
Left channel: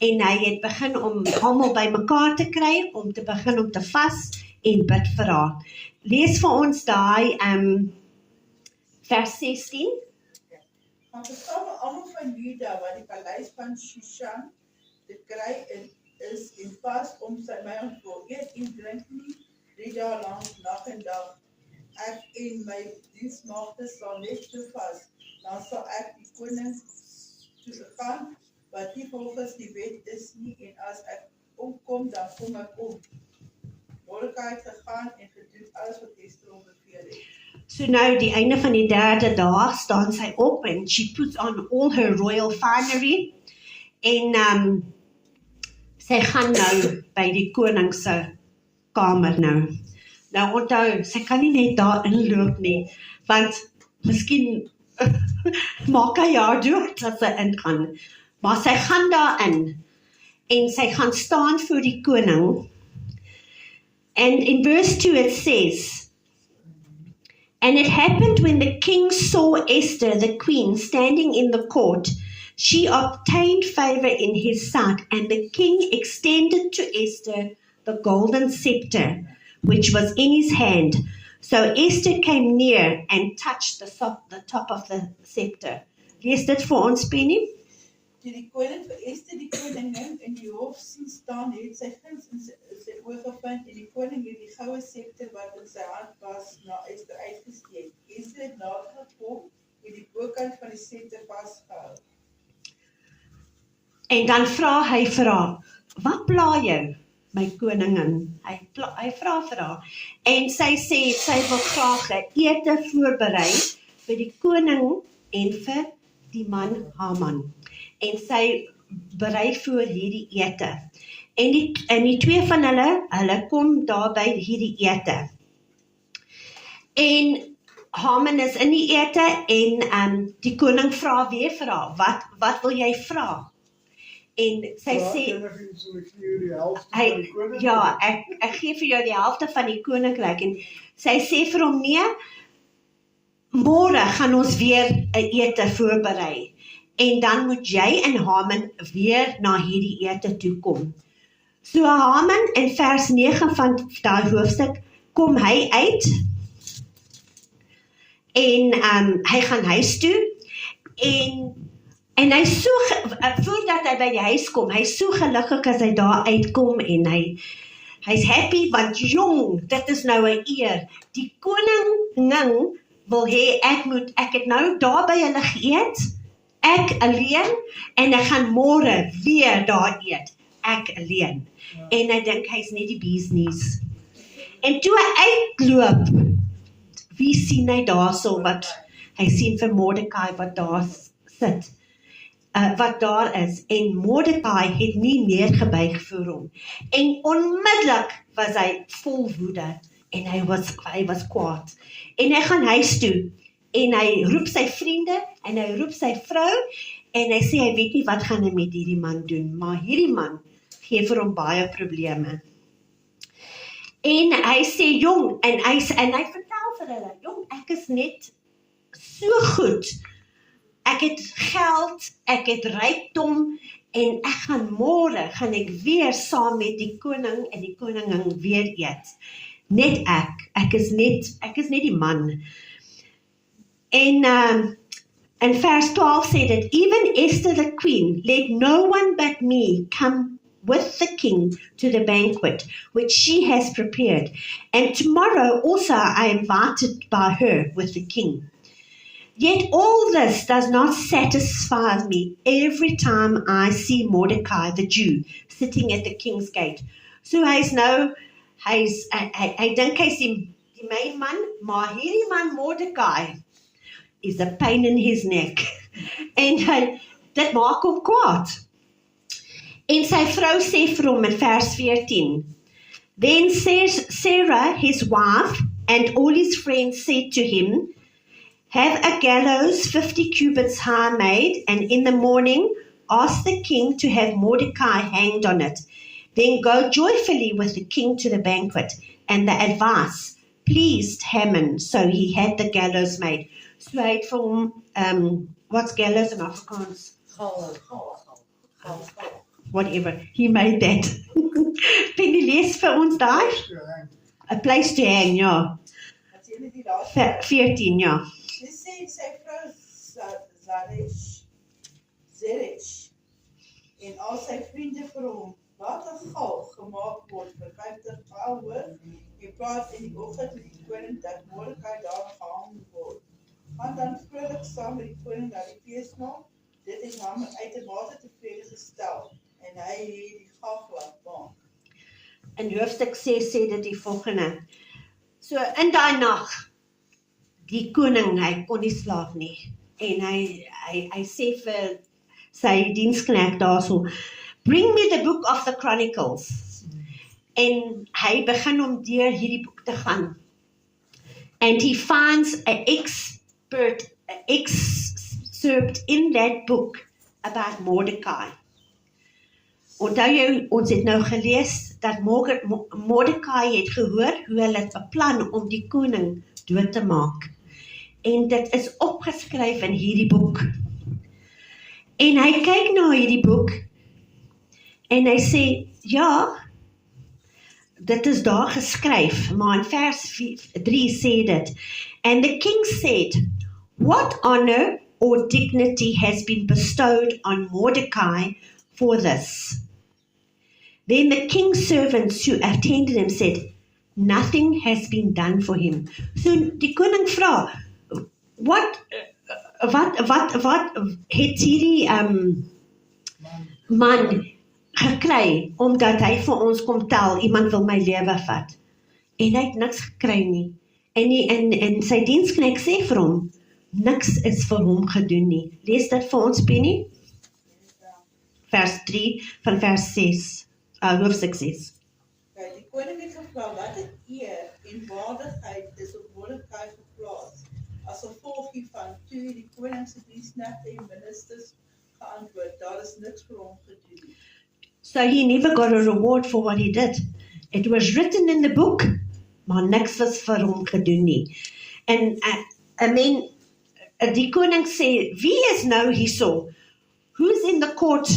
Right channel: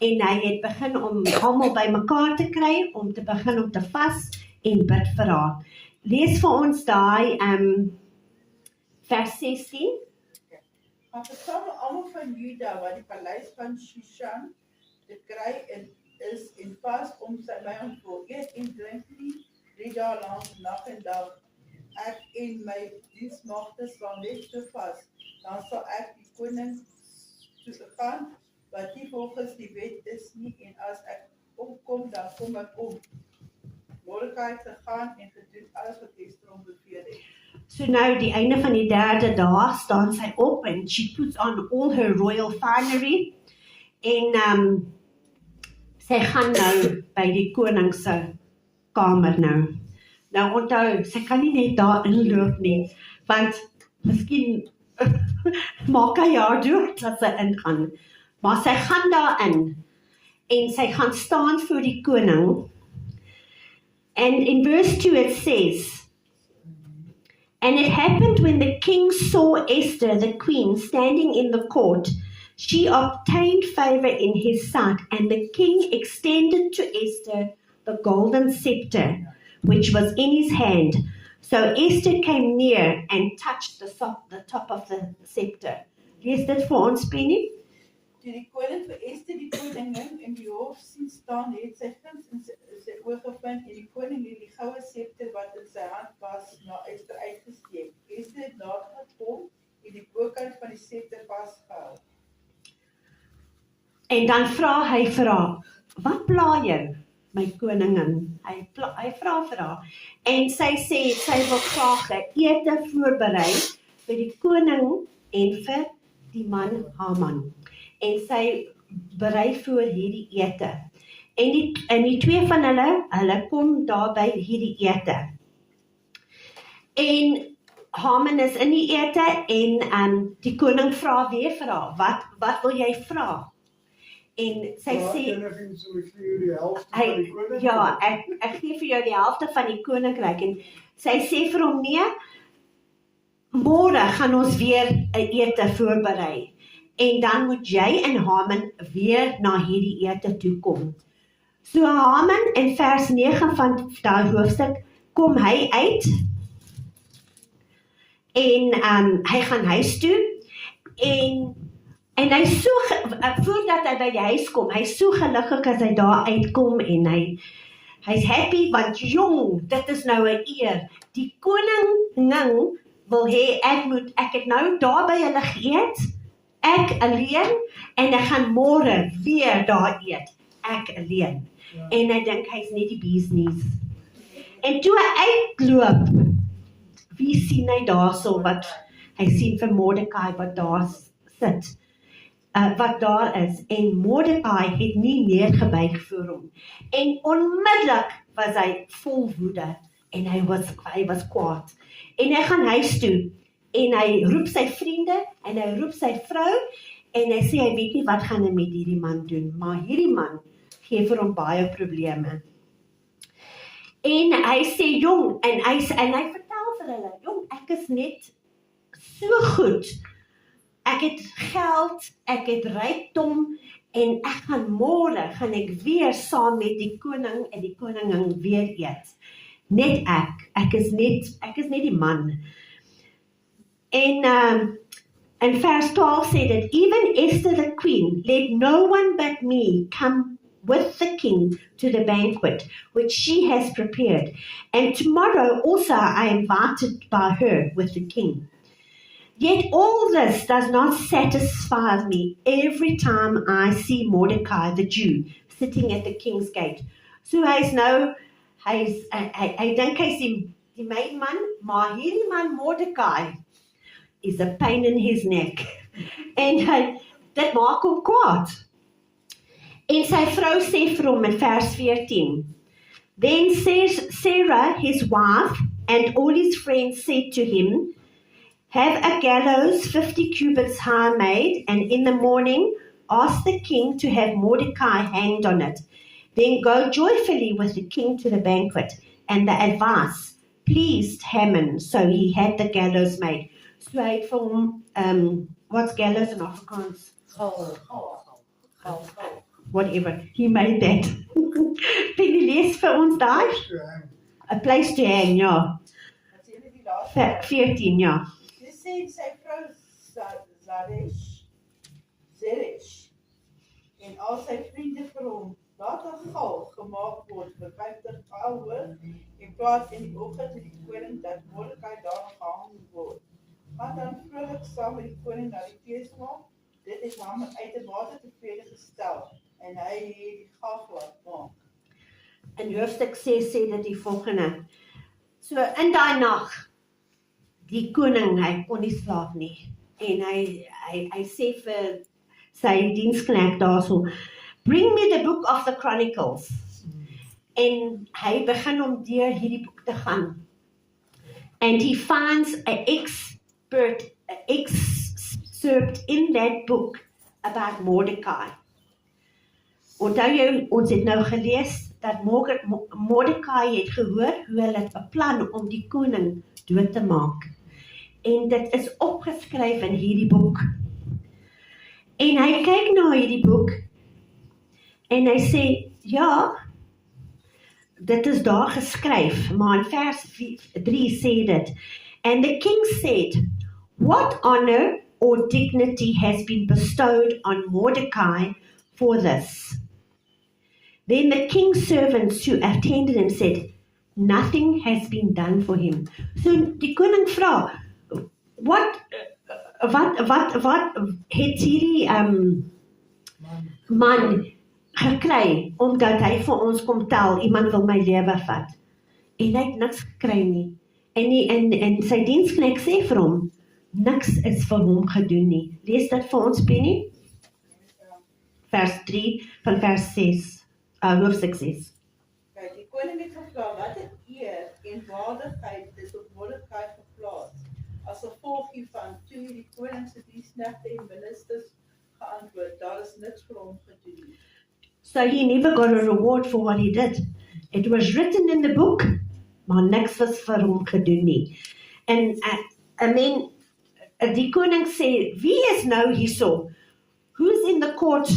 en hy het begin om almal by mekaar te kry om te begin om te vas en bid vir haar. Lees vir ons daai vers 16. Maar versame almal van Juda wat die paleis van Shushan te kry is en vas om sy vyand wil eet en drink nie 3 dae lank nag en dag. Ek en my diensmagte sal net so vas, dan sal ek die koning toe gaan, wat nie volgens die wet is nie, en as ek omkom, dan kom ek om. Mordekai het gegaan en gedoen alles wat Esther hom beveel het. So nou, die einde van die 3de dag, staan sy op and she puts on all her royal finery en sy gaan nou by die koning se kamer nou. Nou onthou, sy kan nie net daar inloop nie, want miskien maak hy haar dood as sy ingaan. Maar sy gaan daarin en sy gaan staan voor die koning. And in verse 2 it says, And it happened when the king saw Esther, the queen, standing in the court, she obtained favor in his sight, and the king extended to Esther the golden scepter, which was in his hand. So Esther came near and touched the top of the scepter. Lees dit vir ons, Penny? Toe die koning vir Esther die koningin in die hof sien staan, het sy guns in sy oë gevind, en die koning het die goue scepter wat in sy hand was, na Esther uitgesteek. Esther het nader gekom en die bokant van die scepter vasgehou. En dan vra hy vir haar, wat pla jou, my koningin? Hy vra vir haar. En sy sê, sy wil graag 'n ete voorberei vir die koning en vir die man Haman. En sy berei voor hierdie ete. En die 2 van hulle kom daar by hierdie ete. En Haman is in die ete en die koning vra weer vir haar, wat wil jy vra? En sy sê, ek gee vir jou die helfte van die koninkryk. En sy sê vir hom, nee, môre gaan ons weer 'n ete voorberei. En dan moet jy en Haman weer na hierdie ete toe kom. So Haman in vers 9 van daai hoofstuk kom hy uit en hy gaan huis toe en hy so voordat hy by die huis kom, hy so gelukkig as hy daar uitkom en hy's happy want jong, dit is nou 'n eer. Die koningin wil hê ek het nou daar by hulle geëet, ek alleen en ek gaan môre weer daar eet, ek alleen. En hy dink hy's net die business. En toe hy uitloop, wie sien hy daarso wat hy sien vir Mordekai wat daar sit, wat daar is, en Mordekai het nie neergebuig voor hom. En onmiddellik was hy vol woede en hy was kwaad. En hy gaan huis toe en hy roep sy vriende, en hy roep sy vrou, en hy sê hy weet nie wat gaan hy met hierdie man doen, maar hierdie man gee vir hom baie probleme. En hy sê, jong, en hy vertel vir hulle, jong, ek is net so goed, ek het geld, ek het rykdom, en ek gaan môre, gaan ek weer saam met die koning en die koningin weer eet. Net ek is net die man. En in vers 12 sê dit, even Esther the queen, let no one but me come with the king to the banquet, which she has prepared. And tomorrow also I am invited by her with the king. Yet all this does not satisfy me every time I see Mordecai the Jew sitting at the king's gate. So hy dink hy's die main man, maar hierdie man Mordecai is a pain in his neck. En dit maak hom kwaad. En sy vrou sê vir hom in vers 14, then Sarah, his wife, and all his friends said to him, have a gallows 50 cubits high made, and in the morning ask the king to have Mordecai hanged on it. Then go joyfully with the king to the banquet. And the advice pleased Haman, so he had the gallows made. So hy het vir hom, what's gallows in Afrikaans? Whatever, he made that. Penny, lees vir ons daai? A place to hang, ja. 14, ja. Dis sê sy vrou Zeresh en al sy vriende vir hom, laat 'n gal gemaak word vir 50 goue en praat in die oggend met die koning dat Mordecai daar gehang word. Gaan dan vrolik saam met die koning na die feesmaal. Dit het hom uitermate tevrede gestel en hy het die gal laat maak. In hoofstuk 6 sê dit die volgende. So in daai nag, die koning, hy kon nie slaap nie. En hy sê vir sy diensknegt daarso, bring me the book of the Chronicles. En hy begin om deur hierdie boek te gaan. And he finds an excerpt in that book about Mordecai. Onthou jy, ons het nou gelees dat Mordecai het gehoor hoe hulle beplan om die koning dood te maak. En dit is opgeskryf in hierdie boek. En hy kyk na hierdie boek en hy sê, ja, dit is daar geskryf, maar in vers 3 sê dit, and the king said, what honor or dignity has been bestowed on Mordecai for this? Then the king's servants who attended him said, nothing has been done for him. So die koning vra, wat het hierdie man gekry, omdat hy vir ons kom tel, iemand wil my lewe vat. En hy het niks gekry nie. En sy diensknegt sê vir hom, niks is vir hom gedoen nie. Lees dit vir ons, Penny? Vers 3 van vers 6, hoofstuk 6. Kijk, die koning het gevra, wat het eer en waardigheid is op Mordecai geplaas? As gevolg hiervan, toe die koningse diensknegte en ministers geantwoord, daar is niks vir hom gedoen nie. So he never got a reward for what he did. It was written in the book, maar niks was vir hom gedoen nie. En die koning sê, wie is nou hierso? Who's in the court?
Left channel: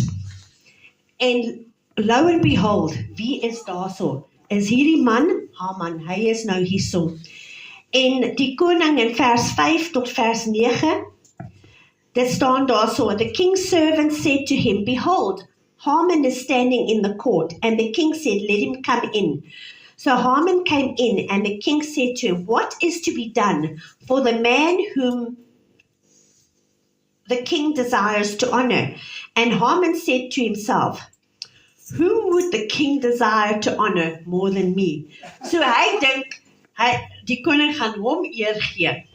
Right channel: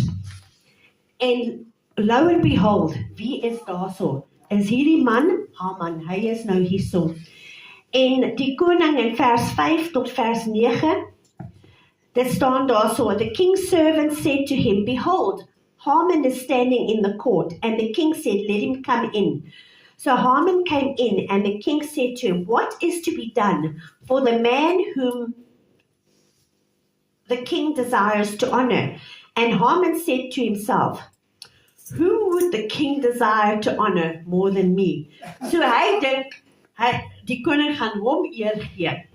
En lo and behold, wie is daarso? Is hierdie man? Haman, hy is nou hierso. En die koning in vers 5 tot vers 9, dit staan daarso, the king's servant said to him, behold, Haman is standing in the court, and the king said, let him come in. So Haman came in, and the king said to him, what is to be done for the man whom the king desires to honor? And Haman said to himself, whom would the king desire to honor more than me? So hy dink, die koning gaan hom eer gee.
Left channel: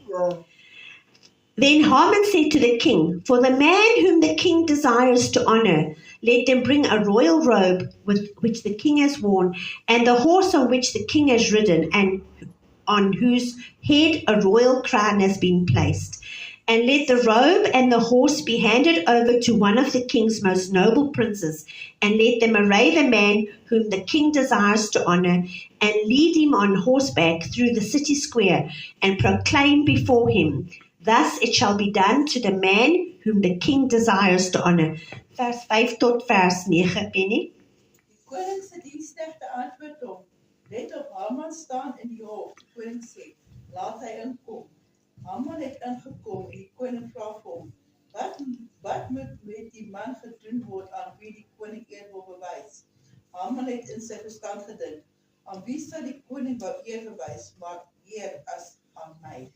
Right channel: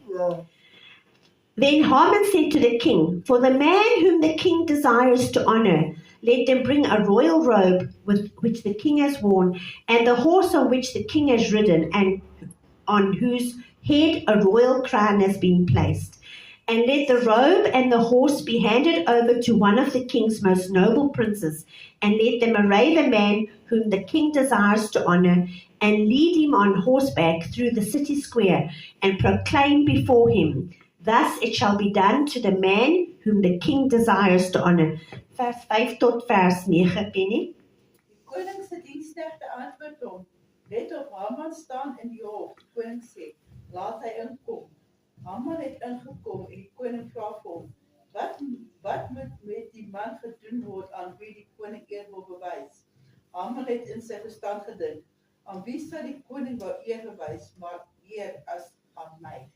Then Haman said to the king, for the man whom the king desires to honor, let them bring a royal robe which the king has worn, and the horse on which the king has ridden, and on whose head a royal crown has been placed. And let the robe and the horse be handed over to one of the king's most noble princes, and let them array the man whom the king desires to honor, and lead him on horseback through the city square, and proclaim before him, thus it shall be done to the man whom the king desires to honor. Vers 5 tot vers 9, Penny. Die koning se diensknegte antwoord hom, let op Haman staan in die hof. Die koning sê, laat hy inkom. Haman het ingekom en die koning vra vir hom, wat moet met die man gedoen word aan wie die koning eer wil bewys? Haman het in sy verstand gedink, aan wie sal die koning wou eer bewys, maar eer as aan my?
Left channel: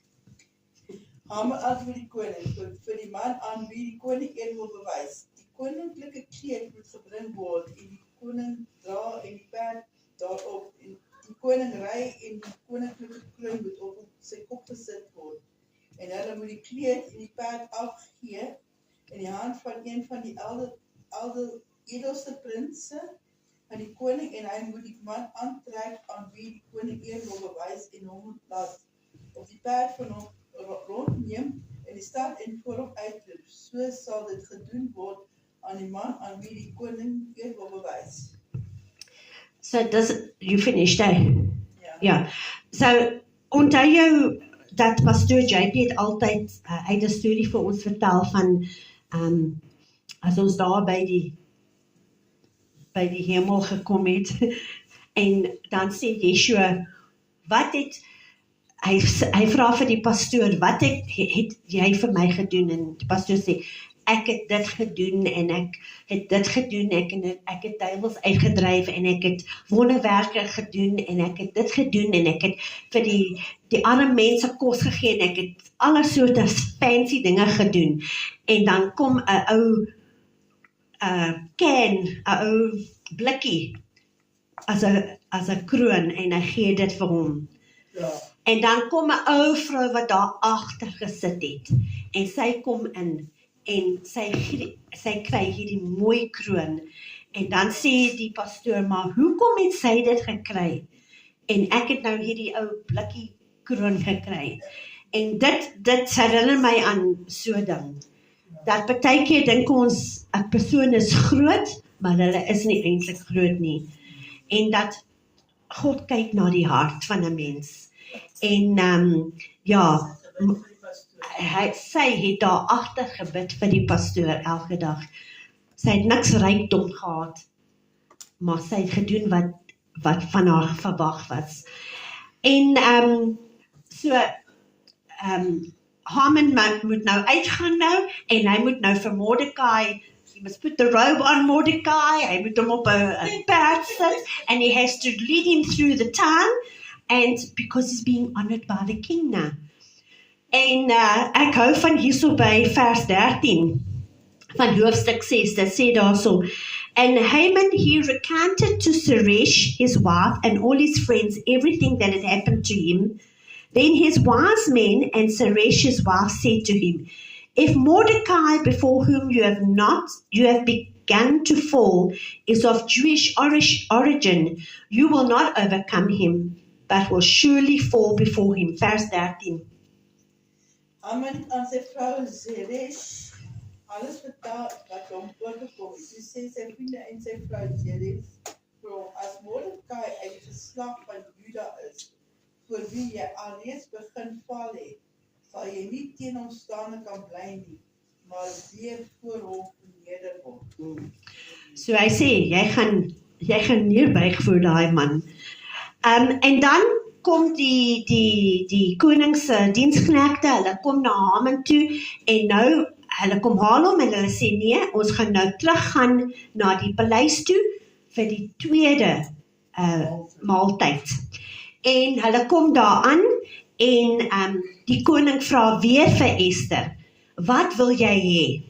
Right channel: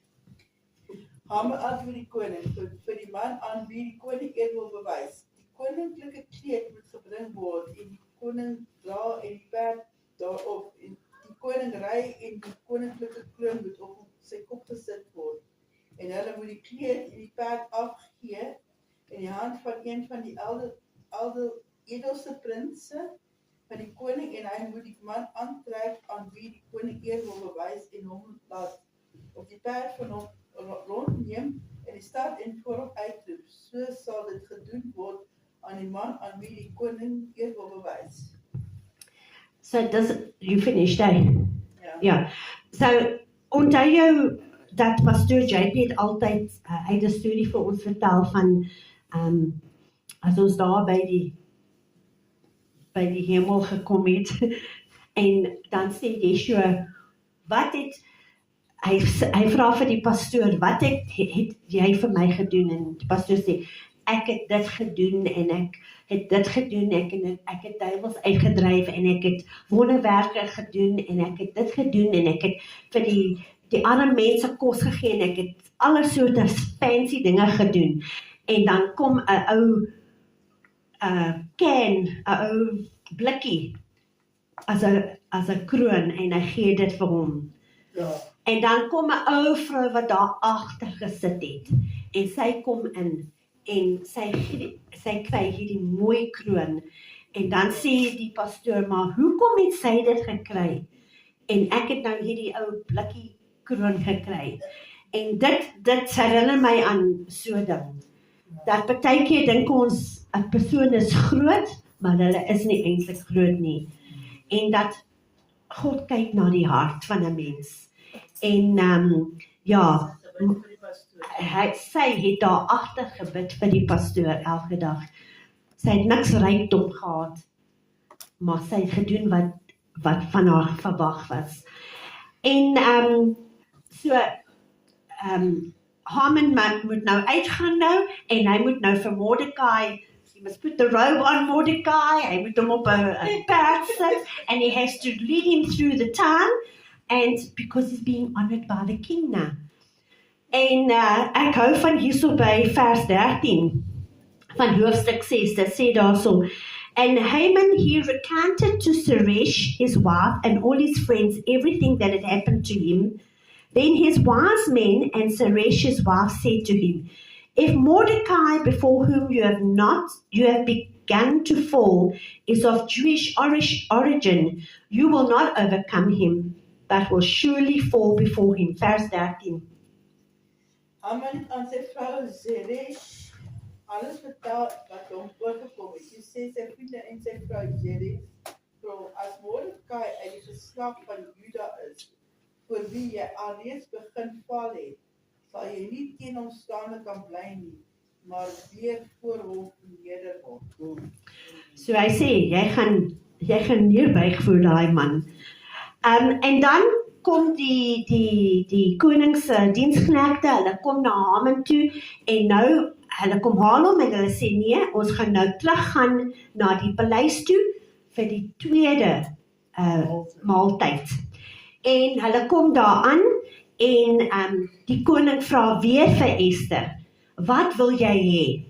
Haman antwoord die koning, vir die man aan wie die koning eer wil bewys. Die koninklike kleed moet gebring word en die koning dra en die perd daarop en die koning ry en die koninklike kroon moet op sy kop gesit word. En hulle moet die kleed en die perd afgee in die hand van een van die edelste prinse van die koning en hy moet die man aantrek aan wie die koning eer wil bewys en hom laat op die perd van hom rondneem en die stad en voor hom uitroep. So sal dit gedoen word aan die man aan wie die koning eer wil bewys. So you finished, eh? Ja. So, onthou jou dat pastoor JP het altyd, hy het 'n storie vir ons vertel van, as ons daar by die hemel gekom het, en dan sê Yeshua, hy vra vir die pastoor, wat het jy vir my gedoen? En die pastoor sê, ek het dit gedoen, en ek het dit gedoen, ek het duiwels uitgedryf, en ek het wonderwerke gedoen, en ek het dit gedoen, en ek het vir die arme mense kos gegee, en ek het alle soorte fancy dinge gedoen. En dan kom 'n ou ou blikkie, as 'n kroon, en hy gee dit vir hom. Ja, En dan kom 'n ou vrou wat daar agter gesit het, en sy kom in, en sy kry hierdie mooi kroon, en dan sê die pastoor, maar hoekom het sy dit gekry? En ek het nou hierdie ou blikkie kroon gekry. En dit herinner my aan so ding, dat partykeer dink ons, 'n persoon is groot, maar hulle is nie eintlik groot nie. En dat God kyk na die hart van 'n mens. En sy het daar agter gebid vir die pastoor elke dag. Sy het niks rykdom gehad, maar sy het gedoen wat van haar verwag was. En Haman moet nou uitgaan nou, en hy moet nou vir Mordecai, he must put the robe on Mordecai, hy moet hom op 'n perd sit, and he has to lead him through the town, and because he's being honored by the king now. En ek hou van hierso by vers 13 van hoofstuk 6, dit sê daarso, and Haman, he recounted to Zeresh, his wife, and all his friends everything that had happened to him. Then his wise men and Zeresh, his wife, said to him, if Mordecai, before whom you have begun to fall, is of Jewish origin, you will not overcome him, but will surely fall before him. Vers 13. Haman het aan sy vrou Zeresh alles vertel wat hom oorgekom het. Toe sê sy vriende en sy vrou Zeresh, as Mordecai uit die geslag van Juda is, voor wie jy alreeds begin val het, sal jy nie teen hom staande kan bly nie, maar weer voor hom neder word. So hy sê, jy gaan neerbuig voor daai man. En dan kom die koning se diensknegte, hulle kom na Haman toe, en nou, hulle kom haal hom, en hulle sê, nee, ons gaan nou teruggaan na die paleis toe, vir die tweede maaltyd. En hulle kom daar aan, en die koning vra weer vir Esther, wat wil jy hê?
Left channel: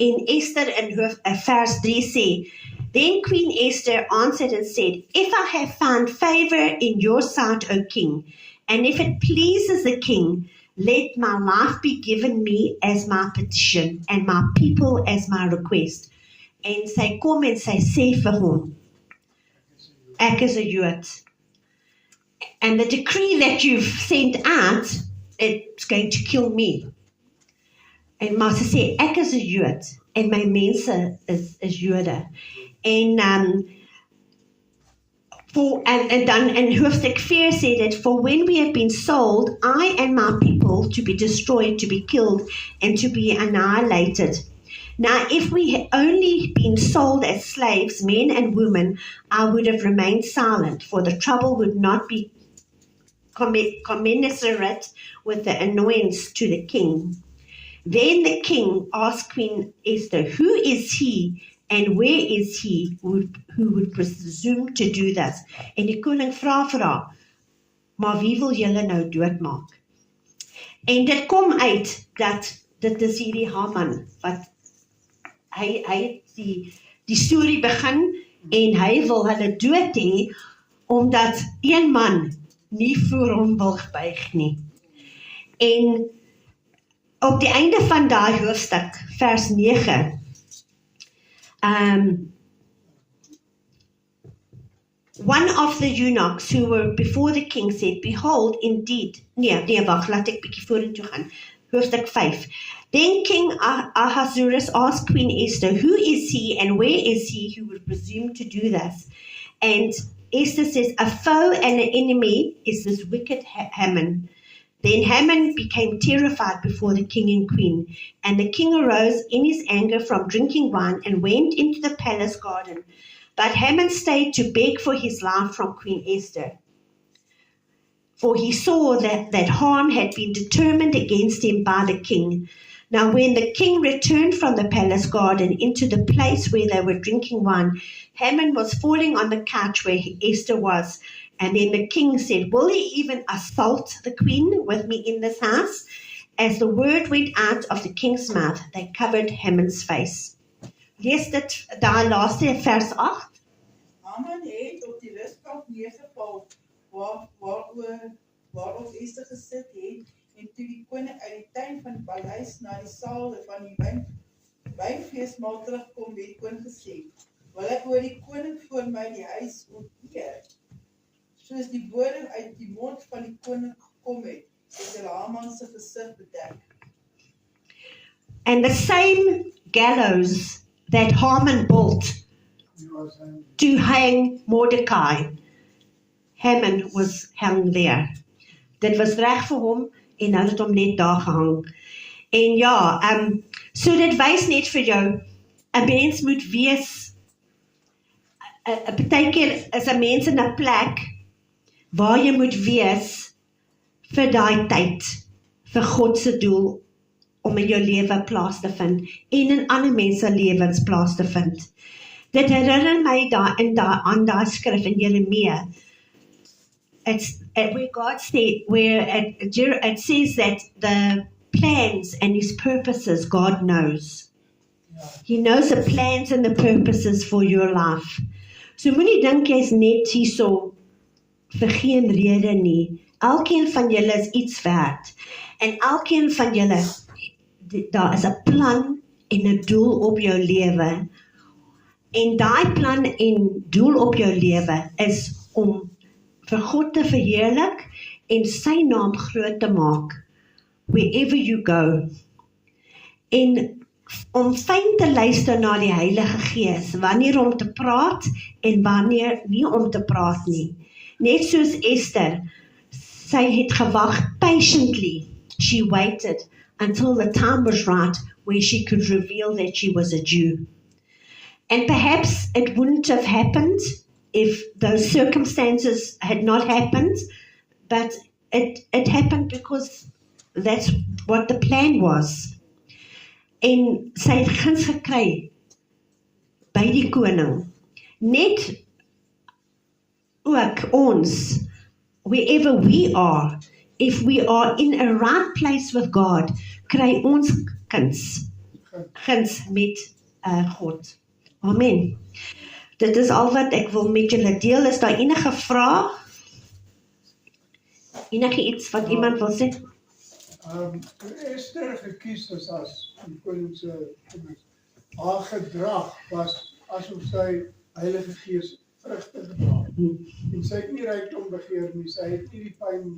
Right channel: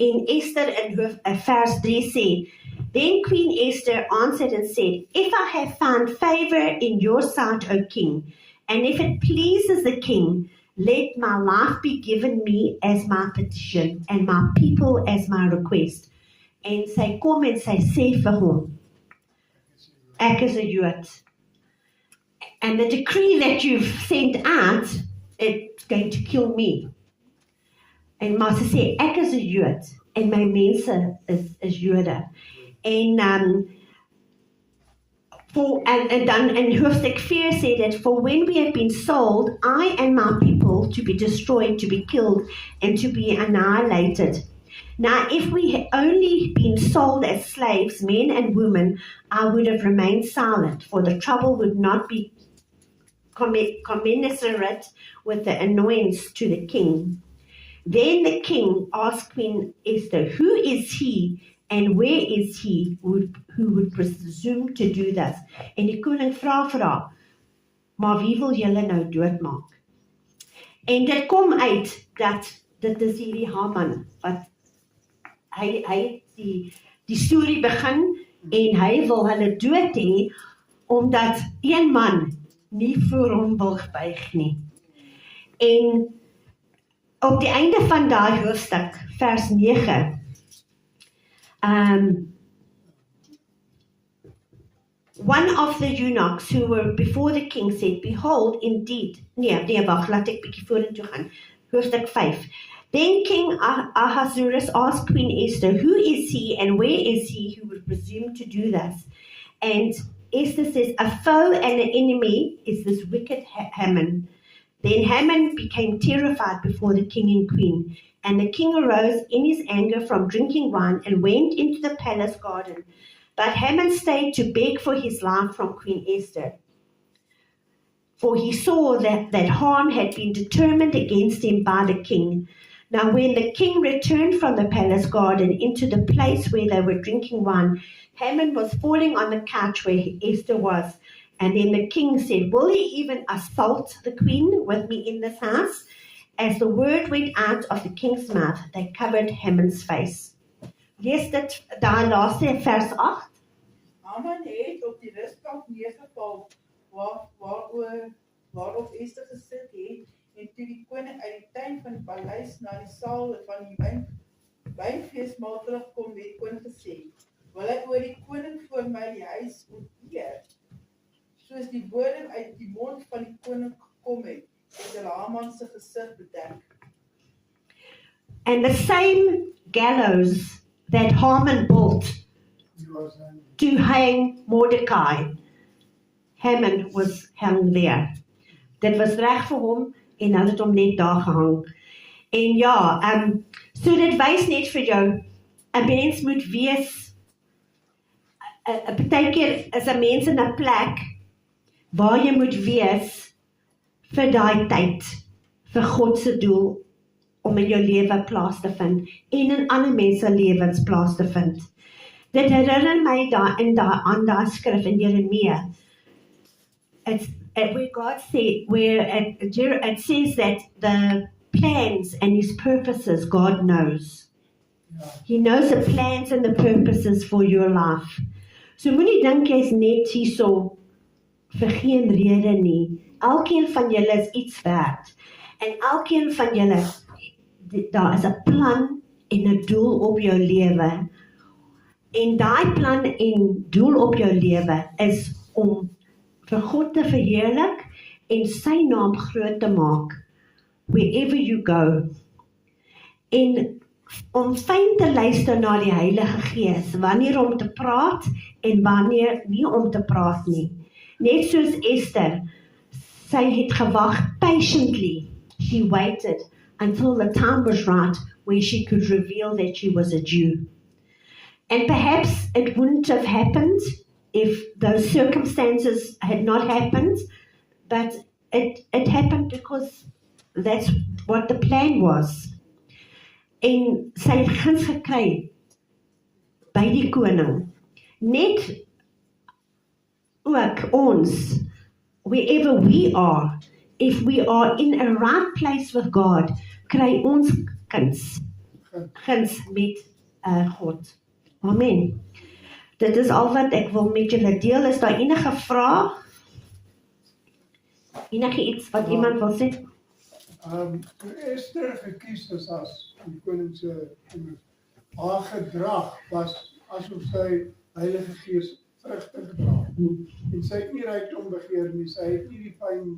En Esther in vers 3 sê, then Queen Esther answered and said, if I have found favor in your sight, O king, and if it pleases the king, let my life be given me as my petition, and my people as my request. En sy kom en sy sê vir hom, ek is 'n Jood. and the decree that you've sent out, it's going to kill me. En maar sy sê, ek is 'n Jood, en my mense is Jode. En and dan in hoofstuk 4 said that, for when we have been sold, I and my people, to be destroyed, to be killed, and to be annihilated. Now, if we had only been sold as slaves, men and women, I would have remained silent, for the trouble would not be commensurate with the annoyance to the king. Then the king asked Queen Esther, who is he and where is he who would presume to do this? En die koning vra vir haar, maar wie wil julle nou doodmaak? En dit kom uit dat dit is hierdie Haman wat hy die storie begin en hy wil hulle dood hê omdat een man nie voor hom wil buig nie. En op die einde van daai hoofstuk, vers 9, one of the eunuchs who were before the king said, behold, indeed, wag, laat ek bietjie vorentoe gaan, hoofstuk 5. Then King Ahasuerus asked Queen Esther, who is he and where is he who would presume to do this? And Esther says, a foe and an enemy is this wicked Haman. Then Haman became terrified before the king and queen, and the king arose in his anger from drinking wine and went into the palace garden. But Haman stayed to beg for his life from Queen Esther, for he saw that harm had been determined against him by the king. Now when the king returned from the palace garden into the place where they were drinking wine, Haman was falling on the couch where Esther was. And then the king said, will he even assault the queen with me in this house? As the word went out of the king's mouth, they covered Haman's face. Lees dit daar laaste vers 8. Haman het op die rusbank neergeval waarop Esther gesit het, en toe die koning uit die tuin van die paleis na die saal van die wynfeesmaal terugkom, het die koning gesê, wil hy oor die koning voor my die huis oorheer? Soos die woorde uit die mond van die koning gekom het, het Haman se gesig bedek. And the same gallows that Haman built to hang Mordecai, Haman was hung there. Dit was reg vir hom en hulle het hom net daar gehang. En ja, so dit wys net vir jou, 'n mens moet wees, partykeer is 'n mens in 'n plek waar jy moet wees vir daai tyd, vir God se doel om in jou lewe plaas te vind en in ander mense lewens plaas te vind. Dit herinner my aan daai skrif in Jeremia. It's where God said, it says that the plans and his purposes God knows. He knows the plans and the purposes for your life. So moenie dink jy's net hierso vir geen rede nie. Elkeen van julle is iets werd. En elkeen van julle, daar is 'n plan en 'n doel op jou lewe. En daai plan en doel op jou lewe is om vir God te verheerlik en sy naam groot te maak wherever you go. En om fyn te luister na die Heilige Gees, wanneer om te praat en wanneer nie om te praat nie. Net soos Esther, sy het gewag patiently. She waited until the time was right where she could reveal that she was a Jew. And perhaps it wouldn't have happened if those circumstances had not happened, but it happened because that's what the plan was. En sy het guns gekry by die koning. Net ook ons, wherever we are, if we are in a right place with God, kry ons guns met God. Amen. Dit is al wat ek wil met julle deel. Is daar enige vrae? Enige iets wat iemand wil sê? Toe Esther gekies is as die koning se kinders, haar gedrag was asof sy Heilige Gees vrugte gedra. Mm. En sy het nie rykdom begeer nie, sy het nie die pyn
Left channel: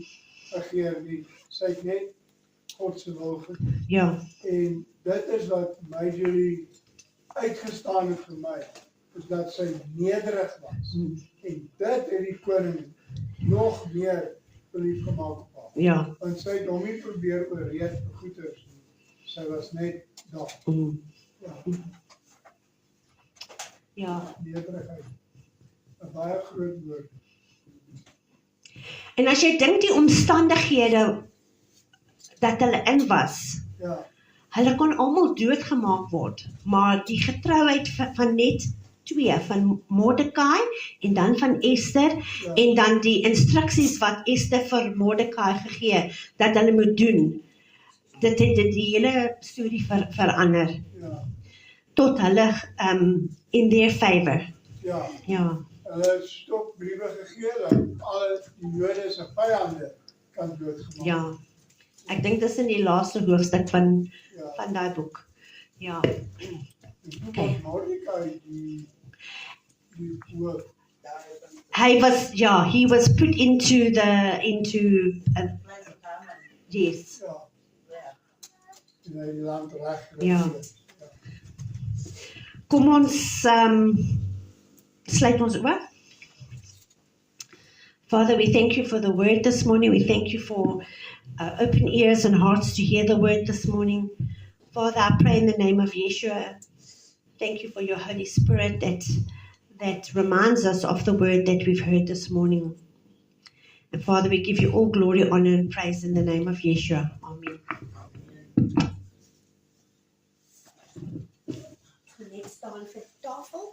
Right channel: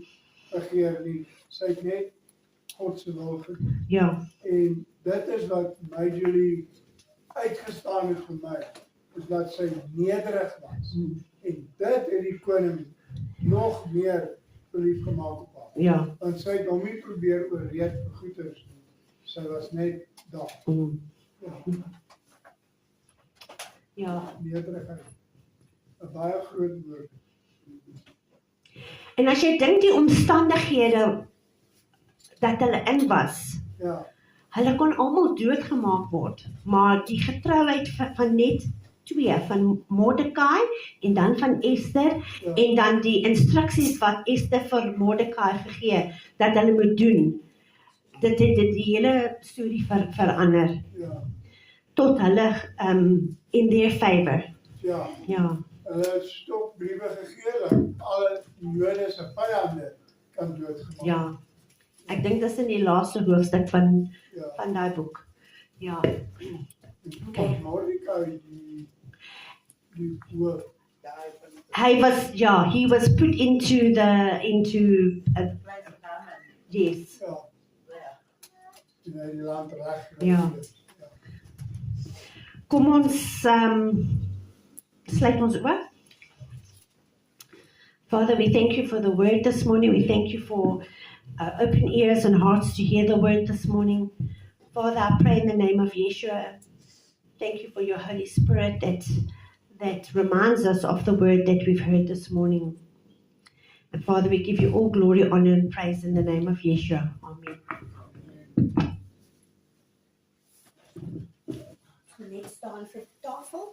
begeer nie, sy het net God se wil gedoen. Ja, En dit is wat majorly uitgestaan het vir my, is dat sy nederig was. Mm. En dit het die koning nog meer verlief gemaak op haar. ja. Want sy het hom nie probeer oorreed vir goeders nie. Sy was net daar. Mm. Ja, Ja. nederigheid. 'n baie groot woord. En as jy dink die omstandighede dat hulle in was, Ja, hulle kon almal doodgemaak word, maar die getrouheid van net twee, van Mordekai en dan van Esther, ja, en dan die instruksies wat Esther vir Mordekai gegee, dat hulle moet doen, dit het die hele storie verander, ja, tot hulle in their favor. ja. Ja, Hulle het stopbriewe gegee dat alle die Jode se vyande kan doodgemaak. ja. Ek dink dis in die laaste hoofstuk van Ja. daai boek. Ja, En toe was Mordekai die hoof. Daar van he was put into Pleasant Hammond. yes. Ja, Ja. en hy het die land reg Ja. Ja. Kom ons sluit ons oor. Father, we thank you for the word this morning. We thank you for open ears and hearts to hear the word this morning. Father, I pray in the name of Yeshua. Thank you for your Holy Spirit that reminds us of the word that we've heard this morning. And Father, we give you all glory, honor, and praise in the name of Yeshua. Amen. Let's stand for tafel.